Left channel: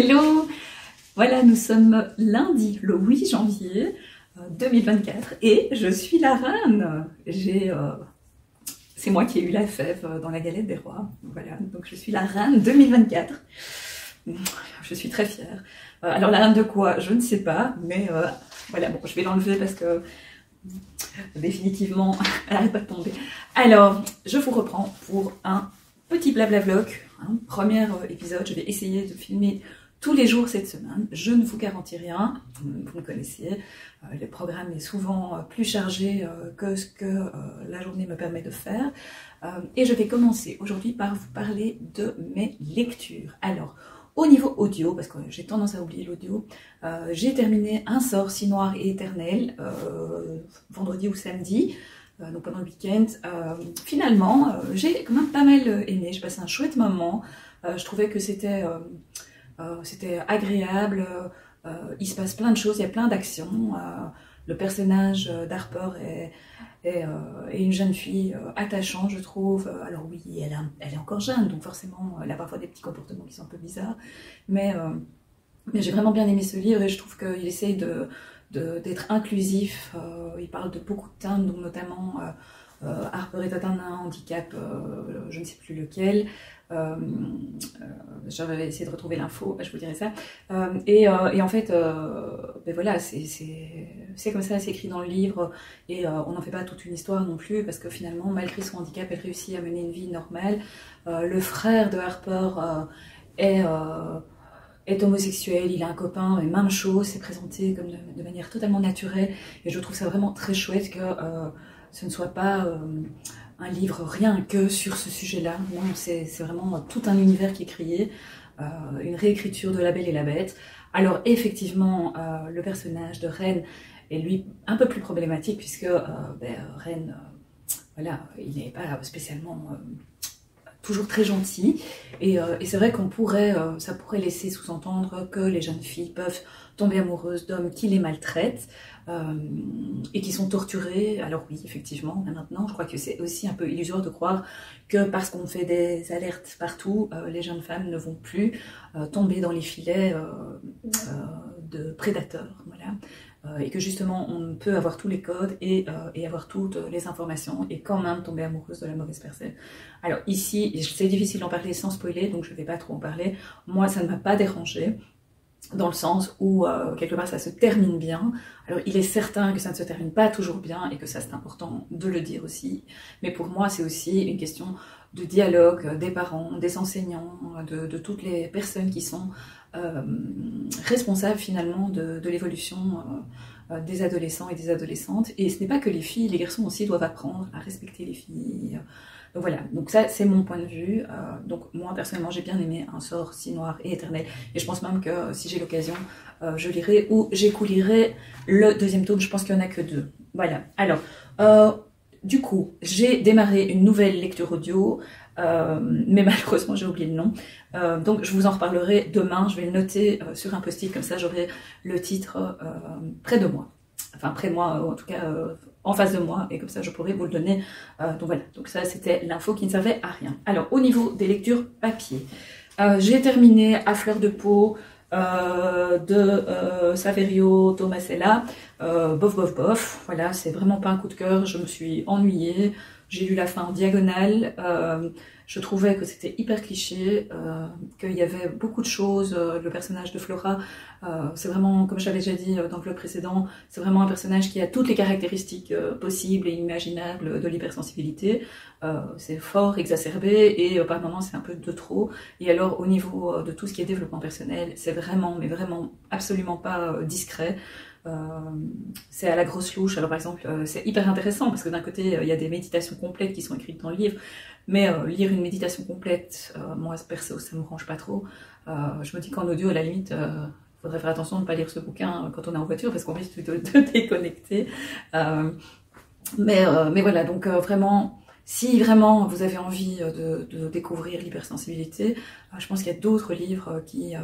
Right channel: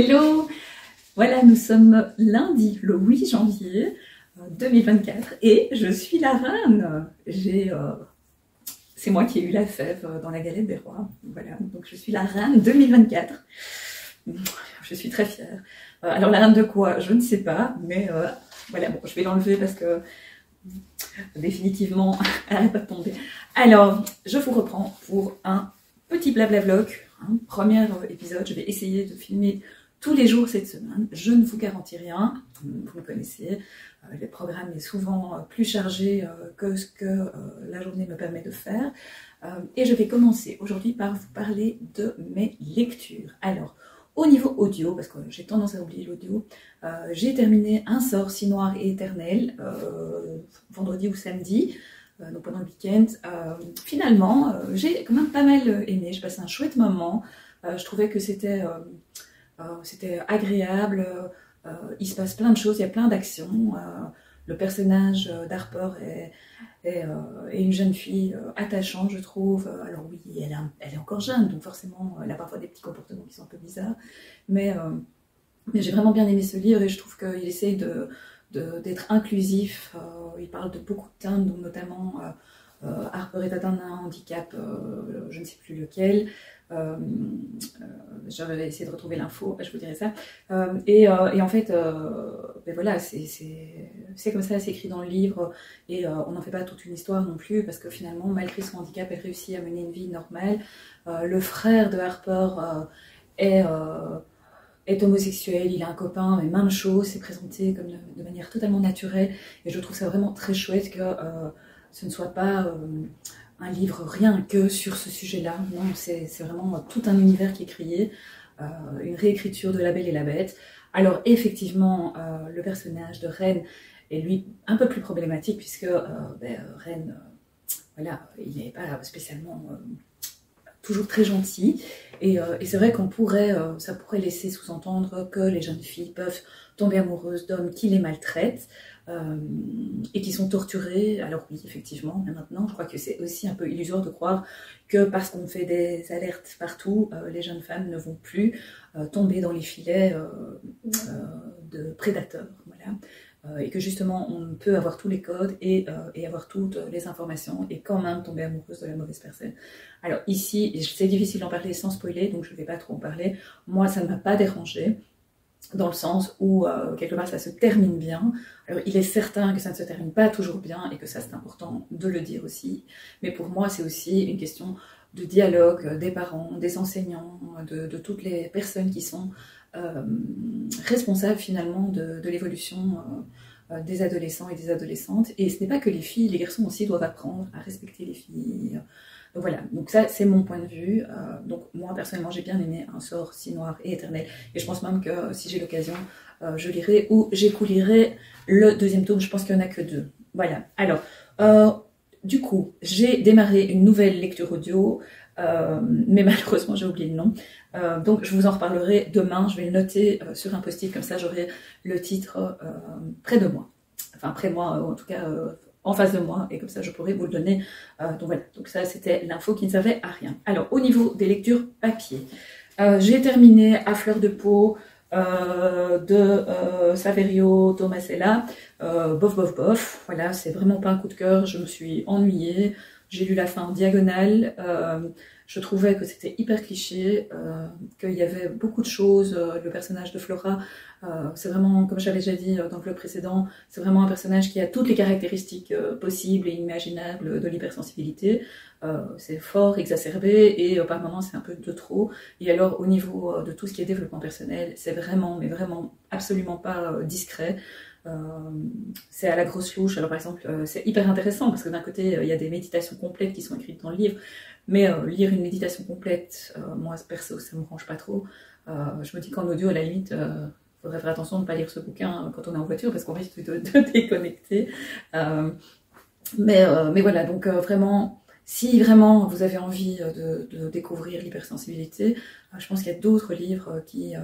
Hello! Voilà, nous sommes lundi, le 8 janvier 2024 et je suis la reine. C'est moi qui ai eu la fève dans la galette des rois. Voilà, donc je suis la reine 2024. Je suis très fière. Alors la reine de quoi? Je ne sais pas, mais voilà, bon, je vais l'enlever parce que définitivement, elle n'arrête pas de tomber. Alors, je vous reprends pour un petit blabla vlog, premier épisode. Je vais essayer de filmer tous les jours cette semaine. Je ne vous garantis rien, vous me connaissez. Le programme est souvent plus chargé que ce que la journée me permet de faire. Et je vais commencer aujourd'hui par vous parler de mes lectures. Alors, au niveau audio, parce que j'ai tendance à oublier l'audio, j'ai terminé Un sort si noir et éternel, vendredi ou samedi, donc pendant le week-end. Finalement, j'ai quand même pas mal aimé, j'ai passé un chouette moment. Je trouvais que c'était agréable, il se passe plein de choses, il y a plein d'actions. Le personnage d'Harper est une jeune fille attachante, je trouve. Alors oui, elle est encore jeune, donc forcément, elle a parfois des petits comportements qui sont un peu bizarres. Mais j'ai vraiment bien aimé ce livre et je trouve qu'il essaye d'être inclusif. Il parle de beaucoup de thèmes, donc notamment Harper est atteinte d'un handicap, je ne sais plus lequel. J'avais essayé de retrouver l'info, je vous dirai ça. Et en fait, ben voilà, c'est comme ça, c'est écrit dans le livre, et on n'en fait pas toute une histoire non plus, parce que finalement, malgré son handicap, elle réussit à mener une vie normale. Le frère de Harper est homosexuel, il a un copain, mais même chose, c'est présenté comme de manière totalement naturelle, et je trouve ça vraiment très chouette que ce ne soit pas un livre rien que sur ce sujet-là. Non, c'est vraiment tout un univers qui est créé, une réécriture de La Belle et la Bête. Alors effectivement, le personnage de Ren est lui un peu plus problématique, puisque Ren, voilà, il n'est pas spécialement toujours très gentil, et c'est vrai qu'on ça pourrait laisser sous-entendre que les jeunes filles peuvent tomber amoureuses d'hommes qui les maltraitent, et qui sont torturés. Alors oui, effectivement, maintenant, je crois que c'est aussi un peu illusoire de croire que parce qu'on fait des alertes partout, les jeunes femmes ne vont plus tomber dans les filets de prédateurs. Voilà. Et que justement, on peut avoir tous les codes et avoir toutes les informations et quand même tomber amoureuse de la mauvaise personne. Alors ici, c'est difficile d'en parler sans spoiler, donc je ne vais pas trop en parler. Moi, ça ne m'a pas dérangé, dans le sens où quelque part ça se termine bien. Alors il est certain que ça ne se termine pas toujours bien et que ça c'est important de le dire aussi, mais pour moi c'est aussi une question de dialogue des parents, des enseignants, de toutes les personnes qui sont responsables finalement de l'évolution des adolescents et des adolescentes. Et ce n'est pas que les filles, les garçons aussi doivent apprendre à respecter les filles. Donc voilà, donc ça c'est mon point de vue. Donc moi personnellement j'ai bien aimé Un sort si noir et éternel, et je pense même que si j'ai l'occasion je lirai ou j'écoulirai le deuxième tome. Je pense qu'il n'y en a que 2. Voilà, alors du coup j'ai démarré une nouvelle lecture audio, mais malheureusement j'ai oublié le nom, donc je vous en reparlerai demain. Je vais le noter sur un post-it, comme ça j'aurai le titre près de moi, enfin près de moi en tout cas, en face de moi, et comme ça je pourrais vous le donner. Donc voilà, donc ça c'était l'info qui ne servait à rien. Alors au niveau des lectures papier, j'ai terminé À fleur de peau de Saverio Tomasella. Bof bof bof, voilà, c'est vraiment pas un coup de cœur, je me suis ennuyée, j'ai lu la fin en diagonale. Je trouvais que c'était hyper cliché, qu'il y avait beaucoup de choses. Le personnage de Flora, c'est vraiment, comme j'avais déjà dit dans le vlog précédent, c'est vraiment un personnage qui a toutes les caractéristiques possibles et imaginables de l'hypersensibilité. C'est fort, exacerbé, et par moments c'est un peu de trop. Et alors au niveau de tout ce qui est développement personnel, c'est vraiment, mais vraiment absolument pas discret. C'est à la grosse louche. Alors par exemple, c'est hyper intéressant parce que d'un côté il y a des méditations complètes qui sont écrites dans le livre, mais lire une méditation complète, moi perso ça me branche pas trop. Je me dis qu'en audio à la limite faudrait faire attention de ne pas lire ce bouquin quand on est en voiture, parce qu'on risque de déconnecter. Mais voilà, donc vraiment, si vraiment vous avez envie de découvrir l'hypersensibilité, je pense qu'il y a d'autres livres qui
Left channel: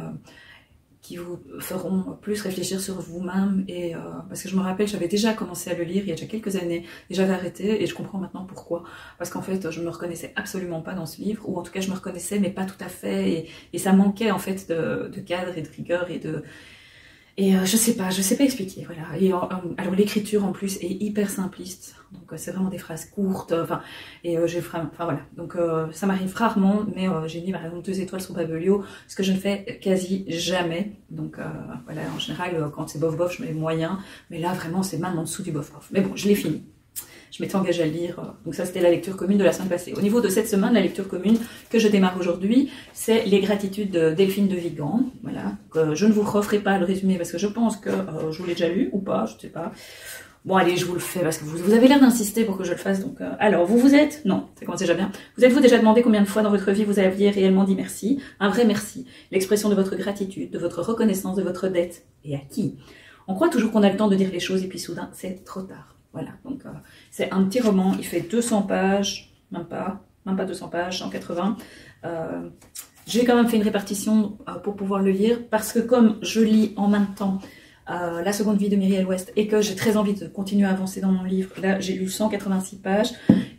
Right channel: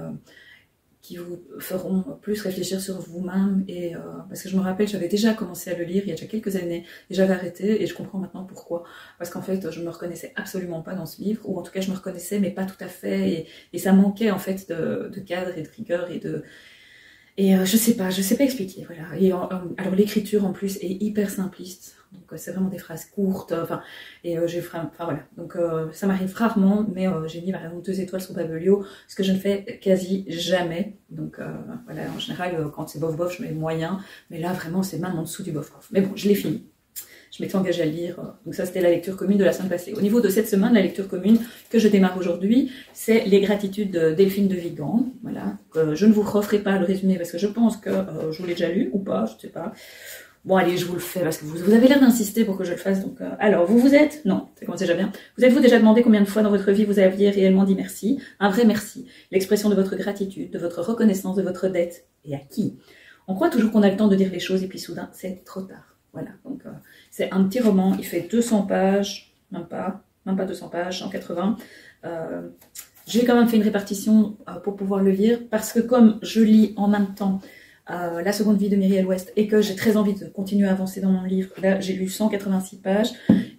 qui vous feront plus réfléchir sur vous-même. Et parce que je me rappelle, j'avais déjà commencé à le lire il y a déjà quelques années et j'avais arrêté, et je comprends maintenant pourquoi. Parce qu'en fait, je me reconnaissais absolument pas dans ce livre, ou en tout cas je me reconnaissais mais pas tout à fait, et ça manquait en fait de cadre et de rigueur je sais pas expliquer, voilà. Et alors l'écriture en plus est hyper simpliste, donc c'est vraiment des phrases courtes, voilà. Donc ça m'arrive rarement, mais j'ai mis par exemple 2 étoiles sur Babelio, ce que je ne fais quasi jamais. Donc voilà, en général quand c'est bof bof, je mets moyen, mais là vraiment c'est même en dessous du bof bof. Mais bon, je l'ai fini. Je m'étais engagée à le lire, donc ça c'était la lecture commune de la semaine passée. Au niveau de cette semaine, la lecture commune que je démarre aujourd'hui, c'est Les Gratitudes de Delphine de Vigan. Voilà. Je ne vous referai pas le résumé parce que je pense que je l'ai déjà lu ou pas, je ne sais pas. Bon allez, je vous le fais parce que vous avez l'air d'insister pour que je le fasse. Donc, alors, vous êtes... Non, ça commence déjà bien. Vous êtes-vous déjà demandé combien de fois dans votre vie vous aviez réellement dit merci? Un vrai merci. L'expression de votre gratitude, de votre reconnaissance, de votre dette. Et à qui? On croit toujours qu'on a le temps de dire les choses et puis soudain, c'est trop tard. Voilà, donc c'est un petit roman, il fait 200 pages, même pas 200 pages, 180. J'ai quand même fait une répartition pour pouvoir le lire, parce que comme je lis en même temps La seconde vie de Myriel West, et que j'ai très envie de continuer à avancer dans mon livre, là j'ai lu 186 pages,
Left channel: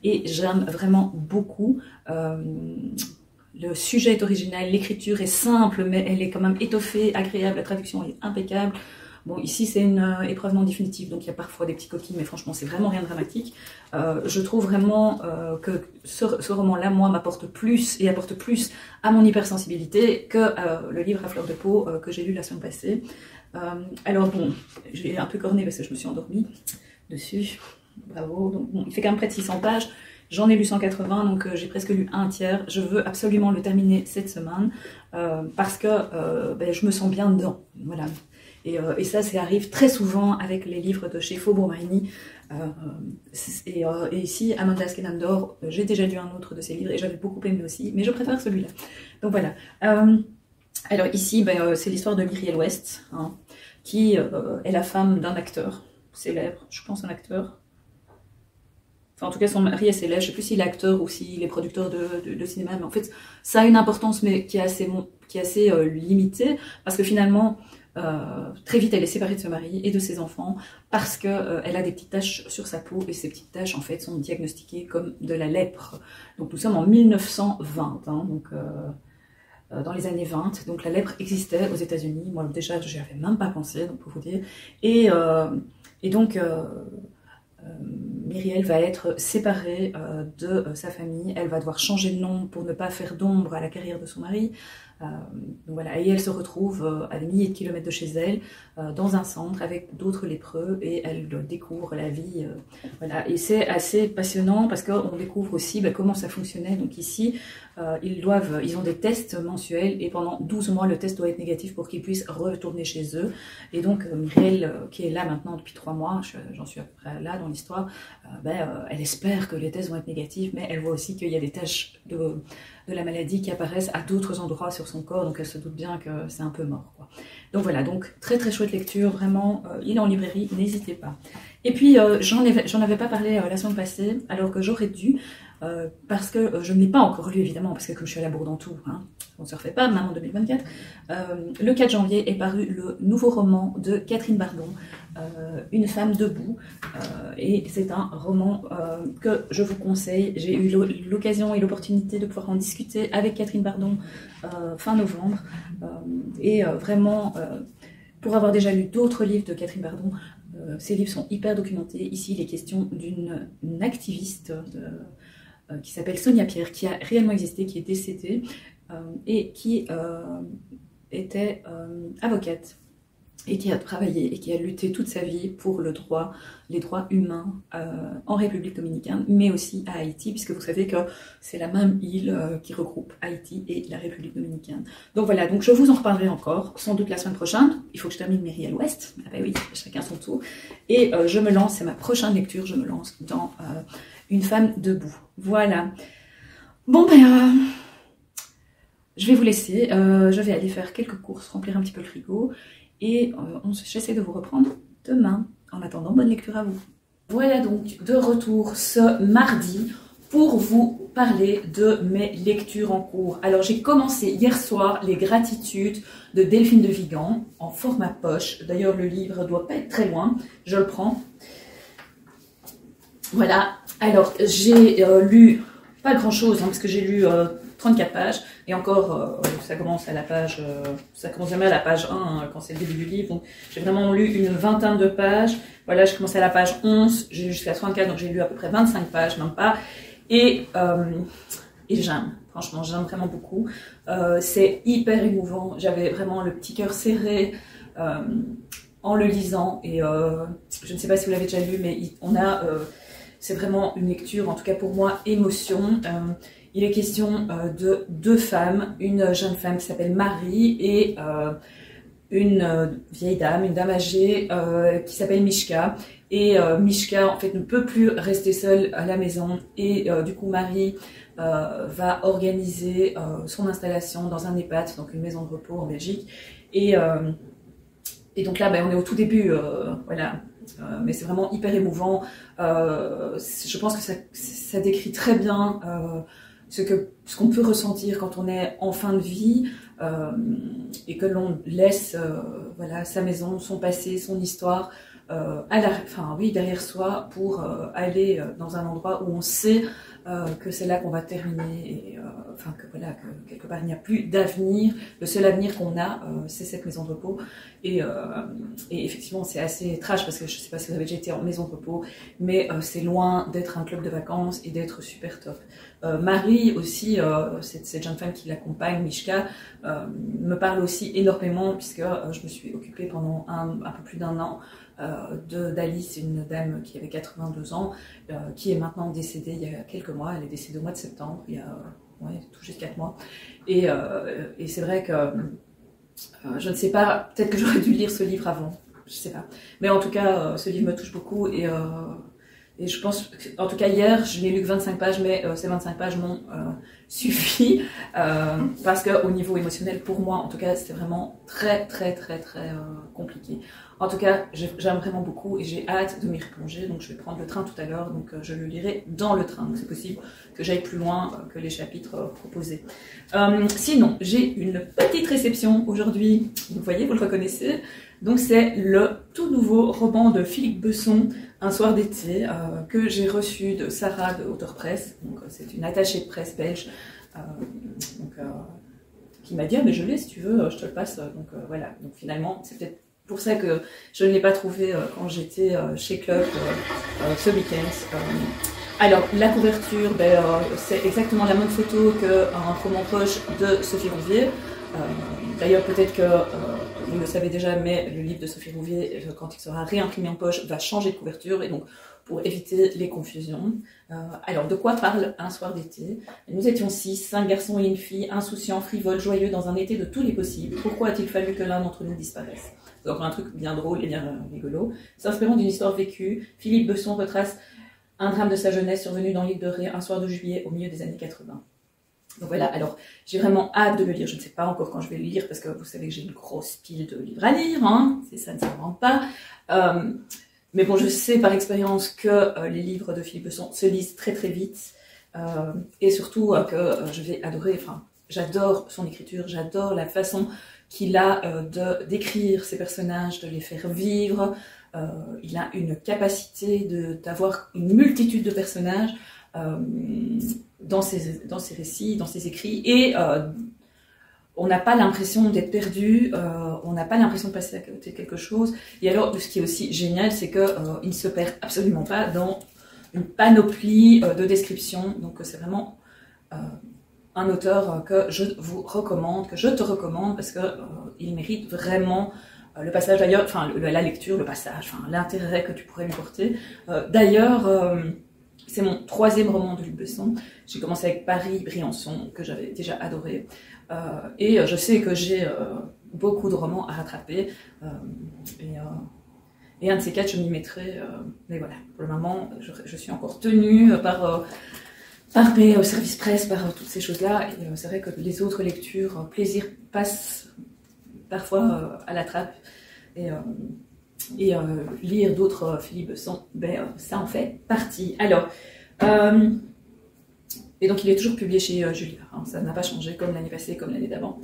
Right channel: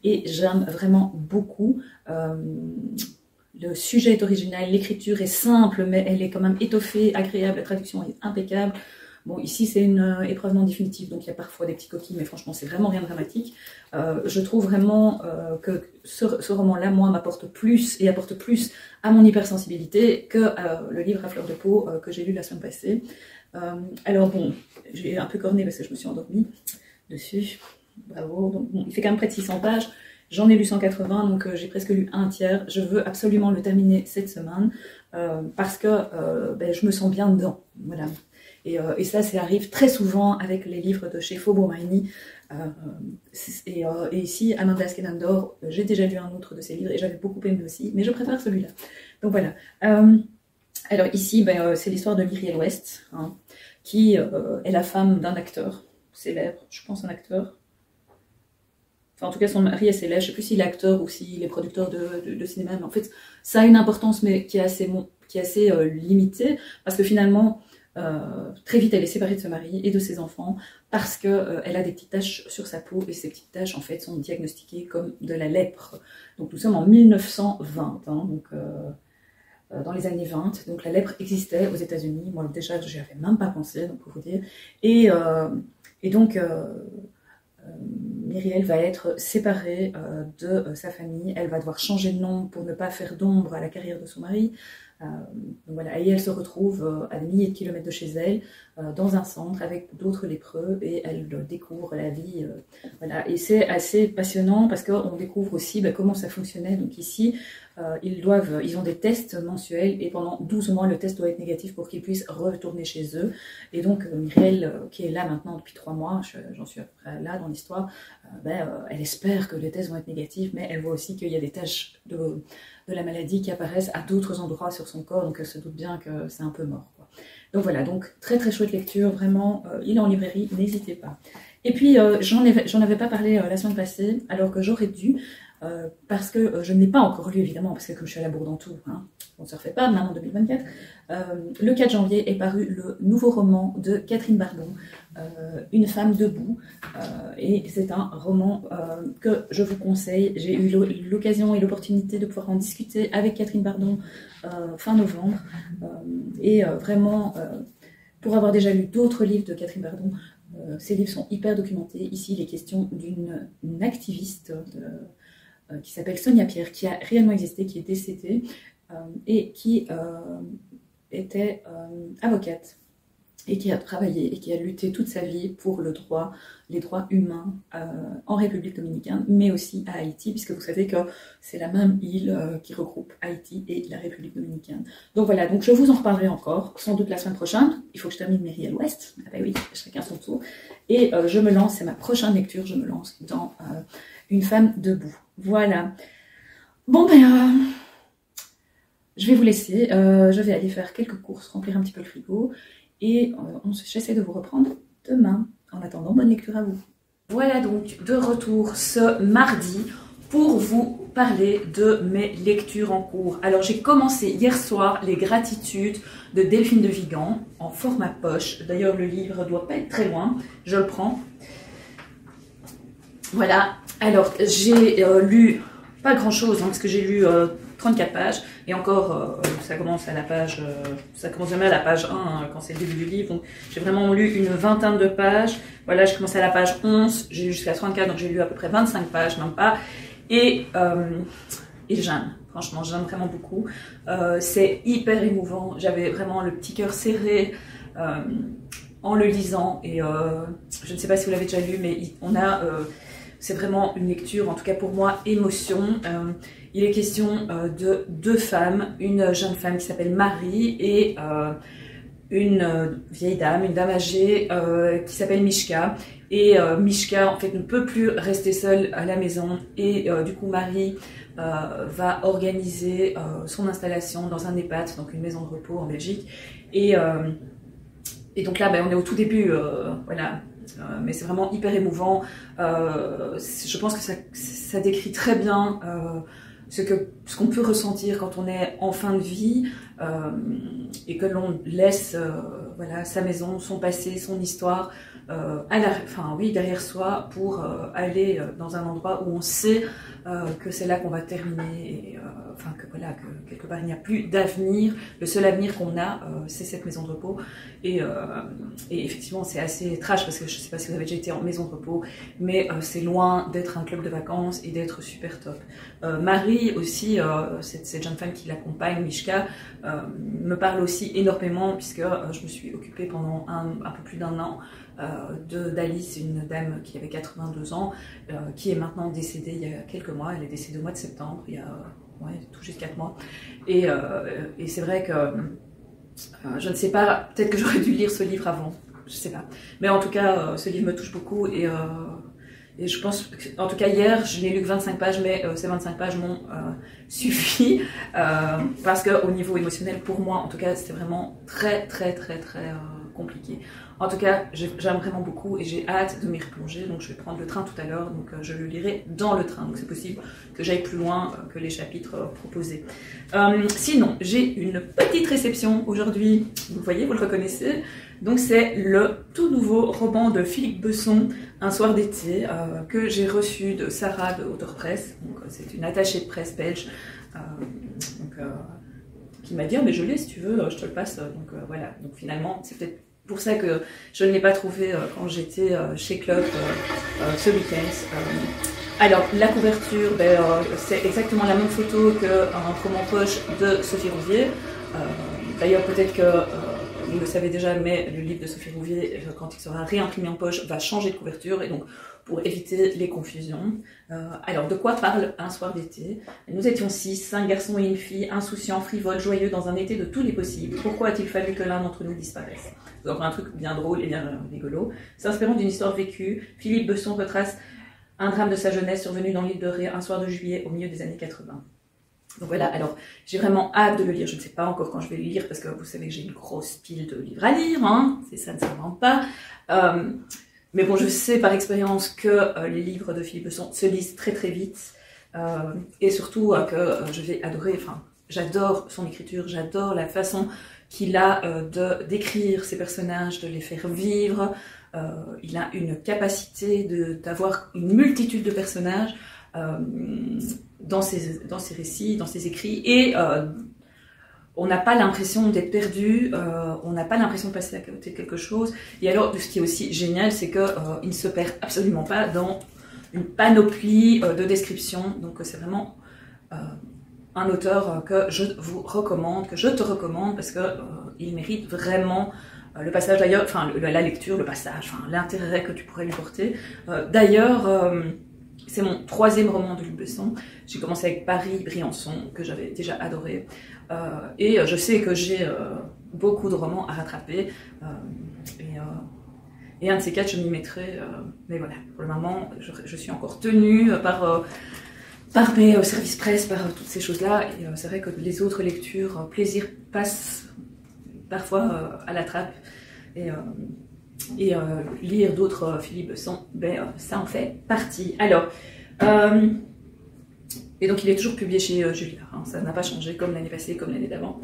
et j'aime vraiment beaucoup. Le sujet est original, l'écriture est simple, mais elle est quand même étoffée, agréable, la traduction est impeccable. Bon, ici, c'est une épreuve non définitive, donc il y a parfois des petits coquilles, mais franchement, c'est vraiment rien de dramatique. Je trouve vraiment que ce roman-là, moi, m'apporte plus et apporte plus à mon hypersensibilité que le livre à fleur de peau que j'ai lu la semaine passée. Alors bon, j'ai un peu corné parce que je me suis endormie dessus. Bravo. Donc, bon, il fait quand même près de 600 pages. J'en ai lu 180, donc j'ai presque lu un tiers. Je veux absolument le terminer cette semaine parce que je me sens bien dedans. Voilà. Et ça arrive très souvent avec les livres de chez Faubourg-Marigny. Et ici, Amanda Skenandor, j'ai déjà lu un autre de ses livres et j'avais beaucoup aimé aussi, mais je préfère celui-là. Donc voilà. Alors ici, c'est l'histoire de Myriel West, hein, qui est la femme d'un acteur célèbre, je pense un acteur. Enfin, en tout cas, son mari est célèbre. Je ne sais plus s'il est acteur ou s'il est producteur de cinéma, mais en fait, ça a une importance, mais qui est assez limitée, parce que finalement, très vite, elle est séparée de son mari et de ses enfants parce qu'elle a des petites taches sur sa peau, et ces petites taches en fait sont diagnostiquées comme de la lèpre. Donc nous sommes en 1920, hein, donc dans les années 20, donc la lèpre existait aux États-Unis. Moi déjà, je n'y avais même pas pensé, donc pour vous dire. Et donc Myriel va être séparée de sa famille. Elle va devoir changer de nom pour ne pas faire d'ombre à la carrière de son mari. Voilà. Et elle se retrouve à des milliers de kilomètres de chez elle, dans un centre avec d'autres lépreux, et elle découvre la vie. Voilà. Et c'est assez passionnant parce qu'on découvre aussi comment ça fonctionnait. Donc ici, ils ont des tests mensuels, et pendant 12 mois, le test doit être négatif pour qu'ils puissent retourner chez eux. Et donc, Myriel, qui est là maintenant depuis 3 mois, j'en suis à peu près là dans l'histoire, elle espère que les tests vont être négatifs, mais elle voit aussi qu'il y a des taches de la maladie qui apparaissent à d'autres endroits sur son corps, donc elle se doute bien que c'est un peu mort, quoi. Donc voilà, donc très très chouette lecture, vraiment, il est en librairie, n'hésitez pas. Et puis j'en avais pas parlé la semaine passée, alors que j'aurais dû, parce que je ne l'ai pas encore lu évidemment, parce que je suis à la bourre dans tout, hein. On ne se refait pas, maintenant en 2024. Le 4 janvier est paru le nouveau roman de Catherine Bardon, Une femme debout, et c'est un roman que je vous conseille. J'ai eu l'occasion et l'opportunité de pouvoir en discuter avec Catherine Bardon fin novembre, et vraiment, pour avoir déjà lu d'autres livres de Catherine Bardon, ces livres sont hyper documentés. Ici, il est question d'une activiste qui s'appelle Sonia Pierre, qui a réellement existé, qui est décédée, et qui était avocate, et qui a travaillé et qui a lutté toute sa vie pour les droits humains en République dominicaine, mais aussi à Haïti, puisque vous savez que c'est la même île qui regroupe Haïti et la République dominicaine. Donc voilà, donc je vous en reparlerai encore, sans doute la semaine prochaine. Il faut que je termine Myriel West. Ah ben oui, chacun son tour. Et je me lance, c'est ma prochaine lecture, je me lance dans Une femme debout. Voilà. Bon je vais vous laisser, je vais aller faire quelques courses, remplir un petit peu le frigo, et j'essaie de vous reprendre demain. En attendant, bonne lecture à vous. Voilà donc de retour ce mardi. pour vous parler de mes lectures en cours. Alors j'ai commencé hier soir Les Gratitudes de Delphine de Vigan en format poche. D'ailleurs le livre ne doit pas être très loin, je le prends. Voilà, alors j'ai lu pas grand chose parce que j'ai lu 34 pages et encore ça commence à la page, ça commence jamais à la page 1 quand c'est le début du livre, donc j'ai vraiment lu une vingtaine de pages. Voilà, je commençais à la page 11, j'ai lu jusqu'à 64, donc j'ai lu à peu près 25 pages, même pas. Et j'aime, franchement, j'aime vraiment beaucoup. C'est hyper émouvant, j'avais vraiment le petit cœur serré en le lisant. Et je ne sais pas si vous l'avez déjà lu, mais c'est vraiment une lecture, en tout cas pour moi, émotion. Il est question de deux femmes, une jeune femme qui s'appelle Marie et une vieille dame, une dame âgée qui s'appelle Mishka. Et Mishka en fait ne peut plus rester seule à la maison et du coup Marie va organiser son installation dans un EHPAD, donc une maison de repos en Belgique. Et donc là on est au tout début, voilà, mais c'est vraiment hyper émouvant. Je pense que ça décrit très bien ce qu'on peut ressentir quand on est en fin de vie. Et que l'on laisse voilà, sa maison, son passé, son histoire derrière soi pour aller dans un endroit où on sait que c'est là qu'on va terminer et que quelque part il n'y a plus d'avenir. Le seul avenir qu'on a, c'est cette maison de repos. Et effectivement, c'est assez trash parce que je ne sais pas si vous avez déjà été en maison de repos, mais c'est loin d'être un club de vacances et d'être super top. Marie aussi, cette jeune femme qui l'accompagne, Mishka, me parle aussi énormément puisque je me suis occupée pendant un peu plus d'1 an d'Alice, une dame qui avait 82 ans, qui est maintenant décédée il y a quelques mois. Elle est décédée au mois de septembre, il y a tout juste 4 mois. Et c'est vrai que je ne sais pas, peut-être que j'aurais dû lire ce livre avant, je ne sais pas. Mais en tout cas, ce livre me touche beaucoup et je pense, en tout cas hier, je n'ai lu que 25 pages, mais ces 25 pages m'ont suffi parce qu'au niveau émotionnel, pour moi, en tout cas, c'était vraiment très compliqué. En tout cas, j'aime vraiment beaucoup et j'ai hâte de m'y replonger, donc je vais prendre le train tout à l'heure, donc je le lirai dans le train, donc c'est possible que j'aille plus loin que les chapitres proposés. Sinon, j'ai une petite réception aujourd'hui, vous voyez, vous le reconnaissez, donc c'est le tout nouveau roman de Philippe Besson, Un soir d'été, que j'ai reçu de Sarah de Auteur Presse, donc c'est une attachée de presse belge, qui m'a dit mais je l'ai si tu veux, je te le passe, donc voilà, donc finalement c'est peut-être pour ça que je ne l'ai pas trouvé quand j'étais chez Club ce week-end. Alors la couverture, c'est exactement la même photo qu'un roman poche de Sophie Rouvier. D'ailleurs peut-être que vous le savez déjà, mais le livre de Sophie Rouvier, quand il sera réimprimé en poche, va changer de couverture et donc pour éviter les confusions. Alors, de quoi parle Un soir d'été? Nous étions 6, 5 garçons et une fille, insouciants, frivoles, joyeux, dans un été de tous les possibles. Pourquoi a-t-il fallu que l'un d'entre nous disparaisse? Donc, un truc bien drôle et bien rigolo. S'inspirant d'une histoire vécue, Philippe Besson retrace un drame de sa jeunesse survenu dans l'île de Ré un soir de juillet au milieu des années 80. Donc voilà, alors j'ai vraiment hâte de le lire. Je ne sais pas encore quand je vais le lire parce que vous savez que j'ai une grosse pile de livres à lire, hein, ça ne s'invente pas. Mais bon, je sais par expérience que les livres de Philippe Besson se lisent très vite et surtout que je vais adorer, enfin j'adore son écriture, j'adore la façon qu'il a d'écrire ses personnages, de les faire vivre. Il a une capacité d'avoir une multitude de personnages dans ses récits, dans ses écrits, et on n'a pas l'impression d'être perdu, on n'a pas l'impression de passer à côté de quelque chose. Et alors, ce qui est aussi génial, c'est qu'il ne se perd absolument pas dans une panoplie de descriptions. Donc c'est vraiment un auteur que je vous recommande, que je te recommande, parce qu'il mérite vraiment le passage d'ailleurs, enfin la lecture, le passage, enfin, l'intérêt que tu pourrais lui porter. D'ailleurs, c'est mon 3e roman de Luc Besson. J'ai commencé avec Paris-Briançon, que j'avais déjà adoré. Et je sais que j'ai beaucoup de romans à rattraper. Et un de ces 4, je m'y mettrai. Mais voilà, pour le moment, je suis encore tenue par mes services presse, par toutes ces choses-là. Et c'est vrai que les autres lectures, plaisir passe parfois à la trappe. Et lire d'autres Philippe Besson, ça en fait partie. Alors, Et donc il est toujours publié chez Julliard, hein. Ça n'a pas changé comme l'année passée, comme l'année d'avant.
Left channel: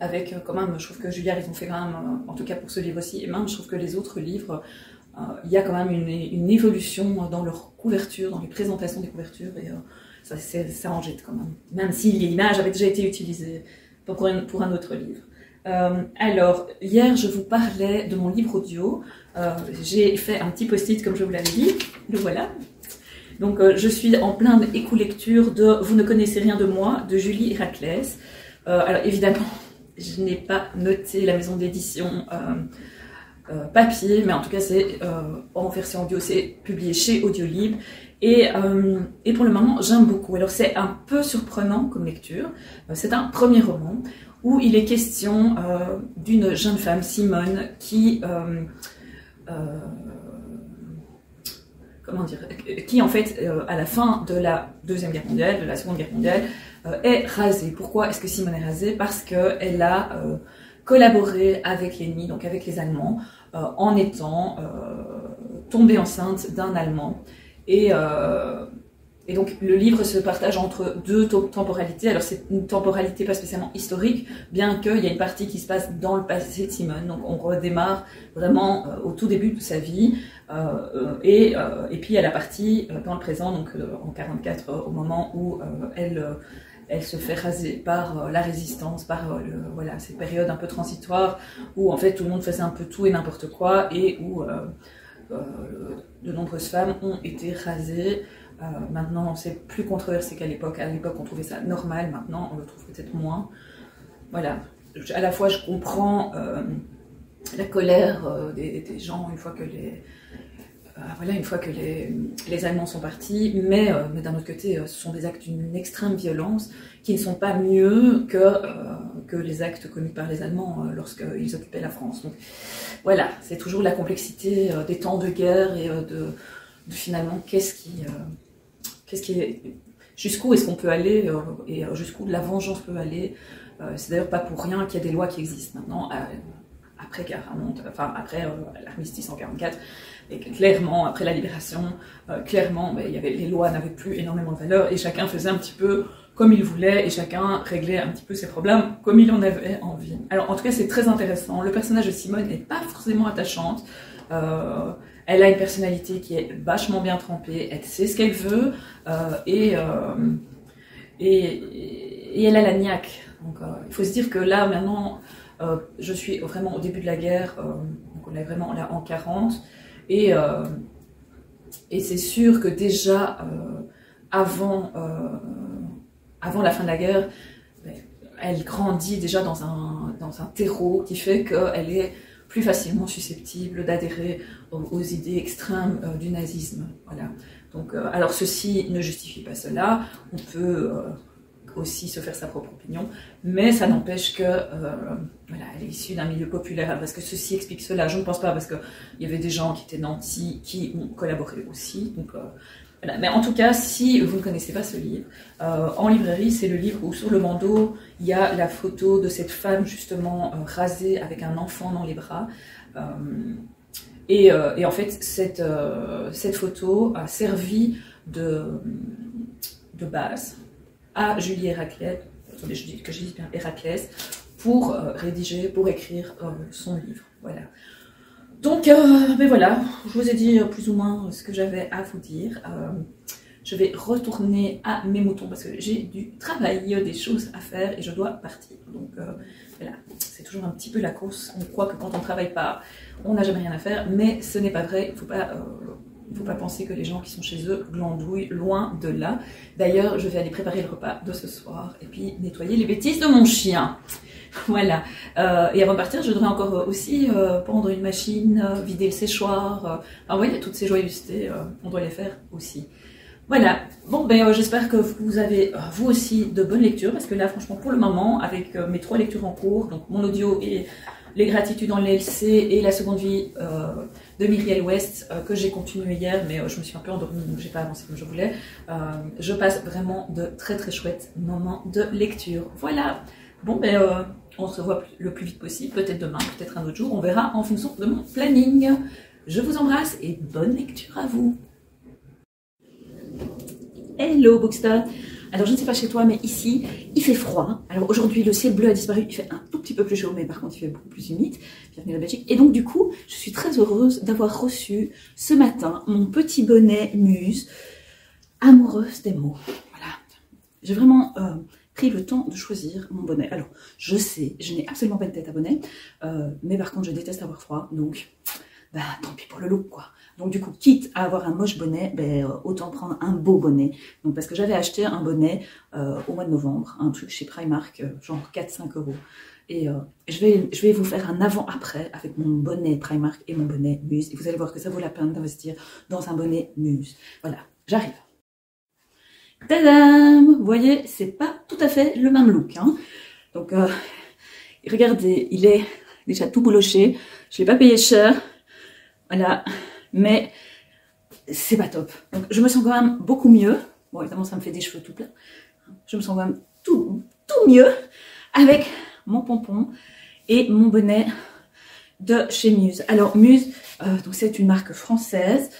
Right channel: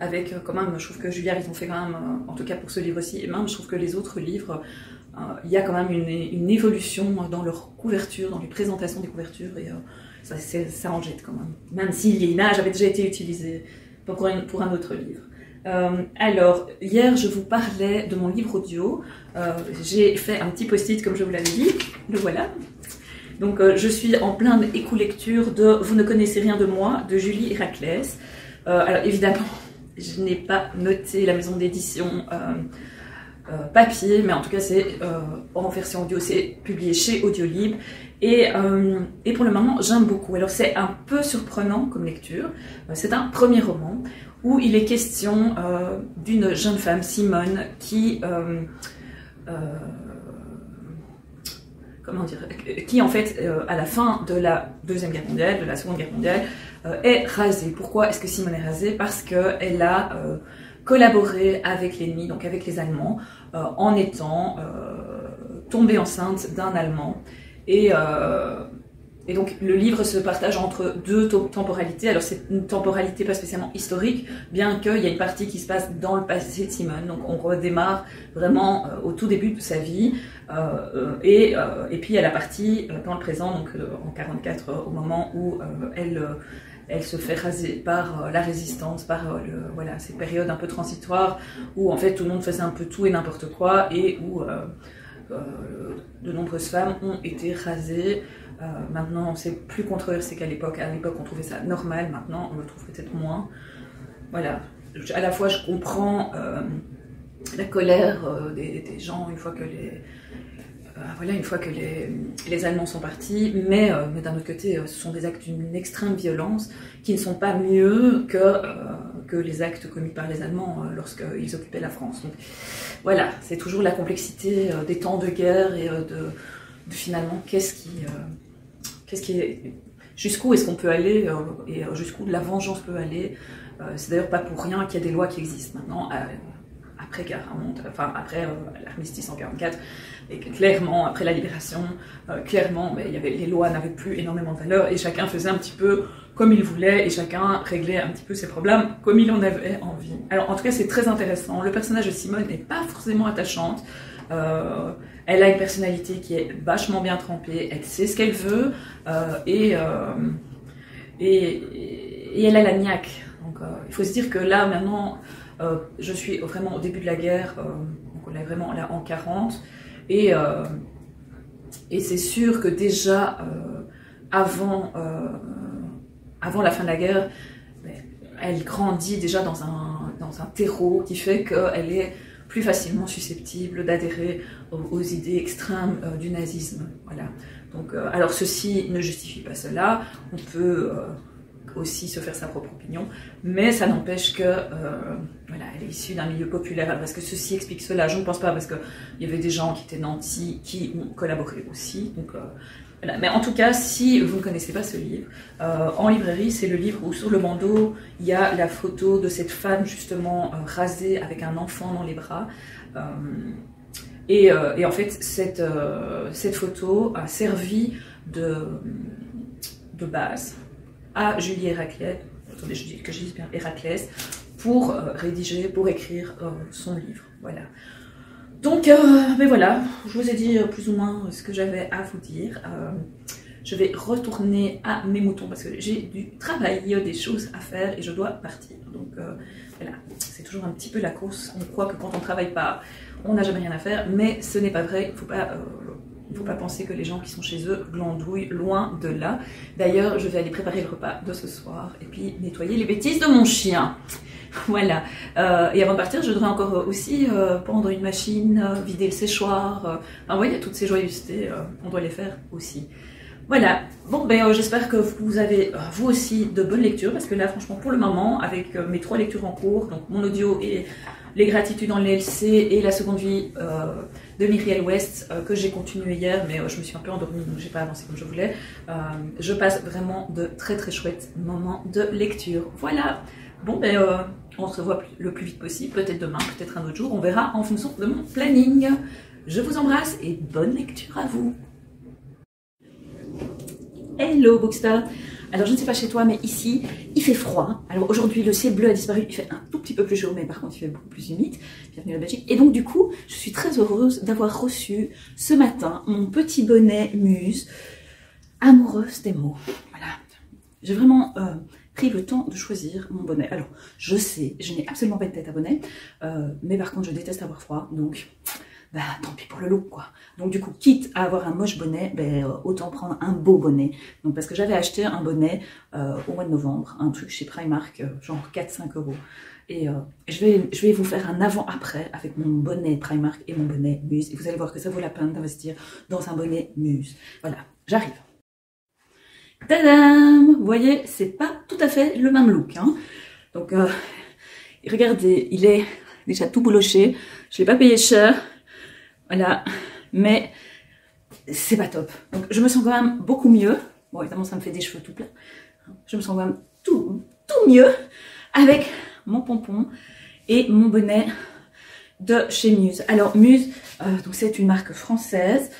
Avec quand même, je trouve que Julliard, ils ont fait quand même, en tout cas pour ce livre aussi, et même je trouve que les autres livres, il y a quand même une évolution dans leur couverture, dans les présentations des couvertures, et ça en jette quand même. Même si l'image avait déjà été utilisée pour un autre livre. Alors, hier je vous parlais de mon livre audio. J'ai fait un petit post-it comme je vous l'avais dit, le voilà. Donc je suis en pleine éco-lecture de Vous ne connaissez rien de moi de Julie Héraclès. Alors évidemment, je n'ai pas noté la maison d'édition papier, mais en tout cas c'est en version audio, c'est publié chez Audiolib. Et pour le moment, j'aime beaucoup. Alors c'est un peu surprenant comme lecture. C'est un premier roman où il est question d'une jeune femme, Simone, qui... comment dire, qui en fait, à la fin de la Deuxième Guerre mondiale, de la Seconde Guerre mondiale, est rasée. Pourquoi est-ce que Simone est rasée? Parce qu'elle a collaboré avec l'ennemi, donc avec les Allemands, en étant tombée enceinte d'un Allemand. Et donc le livre se partage entre deux temporalités. Alors c'est une temporalité pas spécialement historique, bien qu'il y ait une partie qui se passe dans le passé de Simone. Donc on redémarre vraiment au tout début de sa vie. Et puis il y a la partie dans le présent, donc en 1944, au moment où elle se fait raser par la résistance, par voilà, ces périodes un peu transitoires où en fait tout le monde faisait un peu tout et n'importe quoi, et où de nombreuses femmes ont été rasées. Maintenant c'est plus controversé qu'à l'époque. À l'époque on trouvait ça normal, maintenant on le trouve peut-être moins. Voilà, à la fois je comprends la colère des gens une fois que les Allemands sont partis, mais d'un autre côté, ce sont des actes d'une extrême violence qui ne sont pas mieux que les actes commis par les Allemands lorsqu'ils occupaient la France. Donc voilà, c'est toujours la complexité des temps de guerre et de finalement jusqu'où est-ce qu'on peut aller et jusqu'où la vengeance peut aller. C'est d'ailleurs pas pour rien qu'il y a des lois qui existent maintenant. Après l'armistice en 1944, et clairement, après la libération, clairement, les lois n'avaient plus énormément de valeur et chacun faisait un petit peu comme il voulait et chacun réglait un petit peu ses problèmes comme il en avait envie. Alors en tout cas, c'est très intéressant. Le personnage de Simone n'est pas forcément attachante. Elle a une personnalité qui est vachement bien trempée, elle sait ce qu'elle veut et elle a la niaque. Donc il faut se dire que là, maintenant... je suis vraiment au début de la guerre, donc on est vraiment là en 40, et c'est sûr que déjà avant la fin de la guerre, elle grandit déjà dans un terreau qui fait qu'elle est plus facilement susceptible d'adhérer aux idées extrêmes du nazisme. Voilà. Donc, alors ceci ne justifie pas cela, on peut aussi se faire sa propre opinion, mais ça n'empêche que voilà, elle est issue d'un milieu populaire. Parce que ceci explique cela, je ne pense pas, parce qu'il y avait des gens qui étaient nantis qui ont collaboré aussi. Donc, voilà. Mais en tout cas, si vous ne connaissez pas ce livre, en librairie, c'est le livre où sur le bandeau, il y a la photo de cette femme justement rasée avec un enfant dans les bras. Et en fait, cette photo a servi de base à Julie Héraclès, attendez, je dis que je dis bien Héraclès, pour rédiger, pour écrire son livre. Voilà. Donc, ben voilà, je vous ai dit plus ou moins ce que j'avais à vous dire. Je vais retourner à mes moutons parce que j'ai du travail, des choses à faire et je dois partir. Donc, voilà, c'est toujours un petit peu la course. On croit que quand on ne travaille pas, on n'a jamais rien à faire, mais ce n'est pas vrai. Il ne faut pas penser que les gens qui sont chez eux glandouillent, loin de là. D'ailleurs, je vais aller préparer le repas de ce soir et puis nettoyer les bêtises de mon chien. Voilà. Et avant de partir, je devrais encore aussi pendre une machine, vider le séchoir. Enfin, ouais, il y a toutes ces joyeusetés, on doit les faire aussi. Voilà. Bon, ben j'espère que vous avez, vous aussi, de bonnes lectures, parce que là, franchement, pour le moment, avec mes 3 lectures en cours, donc mon audio et les gratitudes en LLC et la seconde vie de Myriel West, que j'ai continué hier, mais je me suis un peu endormie, donc j'ai pas avancé comme je voulais. Je passe vraiment de très très chouettes moments de lecture. Voilà. Bon, ben on se revoit le plus vite possible, peut-être demain, peut-être un autre jour, on verra en fonction de mon planning. Je vous embrasse et bonne lecture à vous. Hello Bookster. Alors je ne sais pas chez toi, mais ici, il fait froid. Alors aujourd'hui, le ciel bleu a disparu, il fait un tout petit peu plus chaud, mais par contre, il fait beaucoup plus humide. Bienvenue en Belgique. Et donc du coup, je suis très heureuse d'avoir reçu ce matin mon petit bonnet Muse, amoureuse des mots. Voilà. J'ai vraiment pris le temps de choisir mon bonnet. Alors, je sais, je n'ai absolument pas de tête à bonnet, mais par contre, je déteste avoir froid, donc bah, tant pis pour le look, quoi. Donc du coup, quitte à avoir un moche bonnet, autant prendre un beau bonnet. Donc parce que j'avais acheté un bonnet au mois de novembre, un truc chez Primark, genre 4-5 €. Et je vais vous faire un avant-après avec mon bonnet Primark et mon bonnet Muse. Et vous allez voir que ça vaut la peine d'investir dans un bonnet Muse. Voilà, j'arrive. Tadam! Vous voyez, c'est pas tout à fait le même look, hein. Donc regardez, il est déjà tout bouloché. Je l'ai pas payé cher. Voilà, mais c'est pas top. Donc je me sens quand même beaucoup mieux. Bon, évidemment, ça me fait des cheveux tout pleins. Je me sens quand même tout mieux avec mon pompon et mon bonnet de chez Muse. Alors Muse, donc c'est une marque française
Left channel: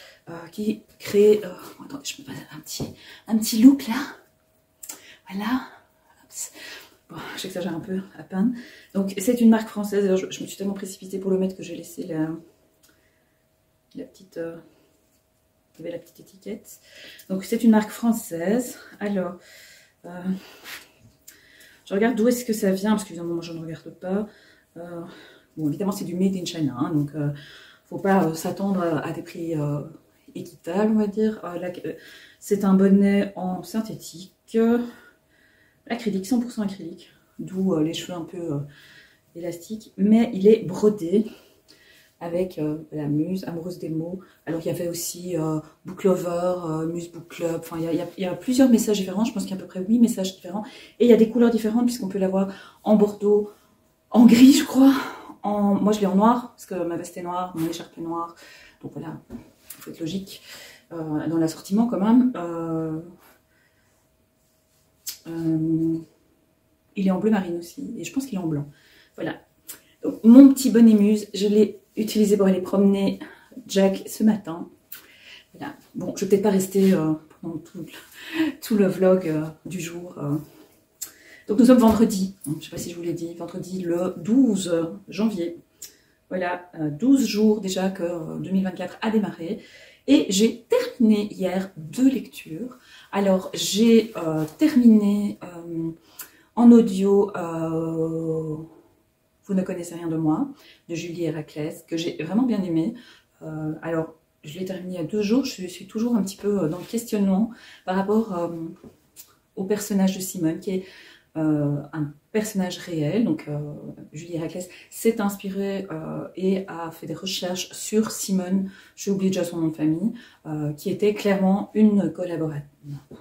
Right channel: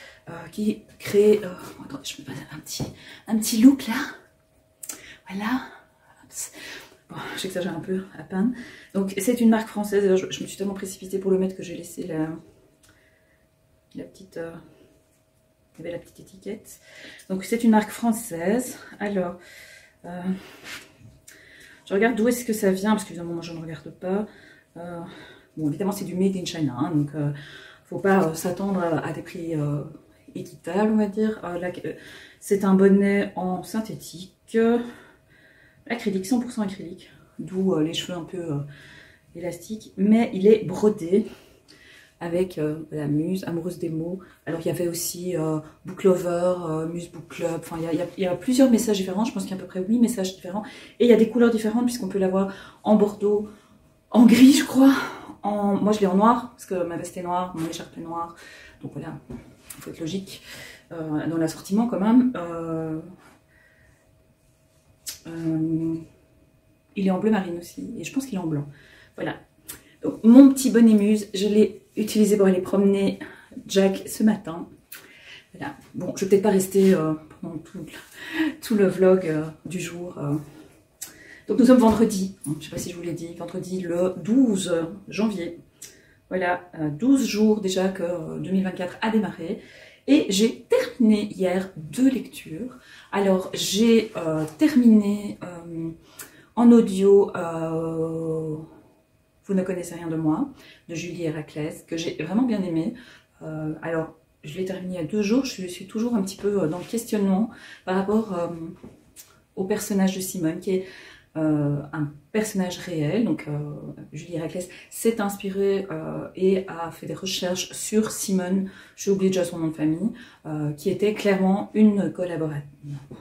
qui crée... attendez, je me passe un petit look là. Voilà. Bon, j'exagère un peu à peine. Donc c'est une marque française. Alors, je me suis tellement précipitée pour le mettre que j'ai laissé la petite... il y avait la petite étiquette. Donc c'est une marque française. Alors, je regarde d'où est-ce que ça vient, parce qu'évidemment moi je ne regarde pas. Bon, évidemment c'est du made in China, hein, donc faut pas s'attendre à des prix équitables, on va dire. C'est un bonnet en synthétique, acrylique, 100% acrylique, d'où les cheveux un peu élastiques, mais il est brodé avec la Muse, amoureuse des mots. Alors il y avait aussi Book Lover, Muse Book Club, enfin il y a plusieurs messages différents, je pense qu'il y a à peu près 8 messages différents. Et il y a des couleurs différentes puisqu'on peut l'avoir en bordeaux, en gris je crois, moi je l'ai en noir, parce que ma veste est noire, mon écharpe est noire. Donc voilà, il faut être logique dans l'assortiment quand même. Il est en bleu marine aussi, et je pense qu'il est en blanc. Voilà. Donc, mon petit bonnet Muse, je l'ai utilisé pour aller promener Jack ce matin. Voilà. Bon, je vais peut-être pas rester pendant tout le vlog du jour. Donc nous sommes vendredi, je ne sais pas si je vous l'ai dit, vendredi le 12 janvier. Voilà, 12 jours déjà que 2024 a démarré. Et j'ai terminé hier 2 lectures. Alors j'ai terminé en audio... Vous ne connaissez rien de moi, de Julie Héraclès, que j'ai vraiment bien aimé. Alors, je l'ai terminé il y a 2 jours, je suis toujours un petit peu dans le questionnement par rapport au personnage de Simone, qui est un personnage réel. Donc, Julie Héraclès s'est inspirée et a fait des recherches sur Simone, j'ai oublié déjà son nom de famille, qui était clairement une collaboratrice.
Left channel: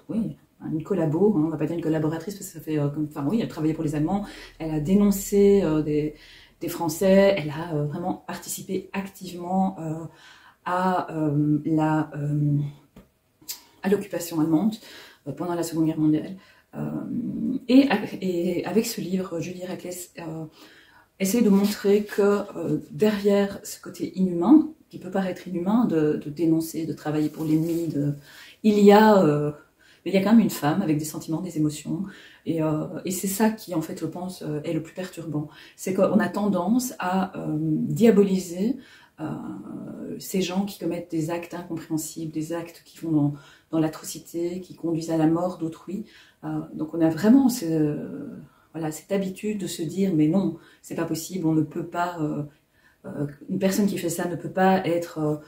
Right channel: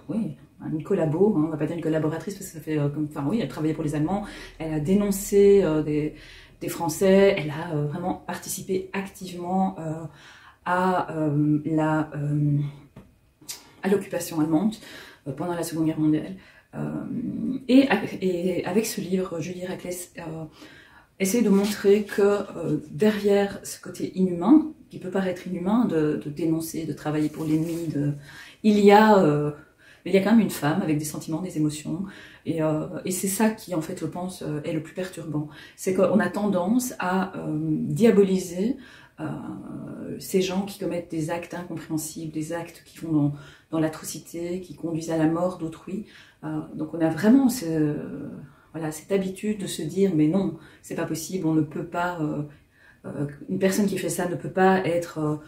Oui. Une collabo, on va pas dire une collaboratrice parce que ça fait comme, enfin oui, elle travaillait pour les Allemands, elle a dénoncé des Français, elle a vraiment participé activement à l'occupation allemande pendant la Seconde Guerre mondiale. Et avec ce livre, Julie Héraclès essaie de montrer que derrière ce côté inhumain, qui peut paraître inhumain de dénoncer, de travailler pour l'ennemi, il y a quand même une femme avec des sentiments, des émotions. Et c'est ça qui, en fait, je pense, est le plus perturbant. C'est qu'on a tendance à diaboliser ces gens qui commettent des actes incompréhensibles, des actes qui vont dans l'atrocité, qui conduisent à la mort d'autrui. Donc on a vraiment cette habitude de se dire, mais non, c'est pas possible, on ne peut pas... une personne qui fait ça ne peut pas être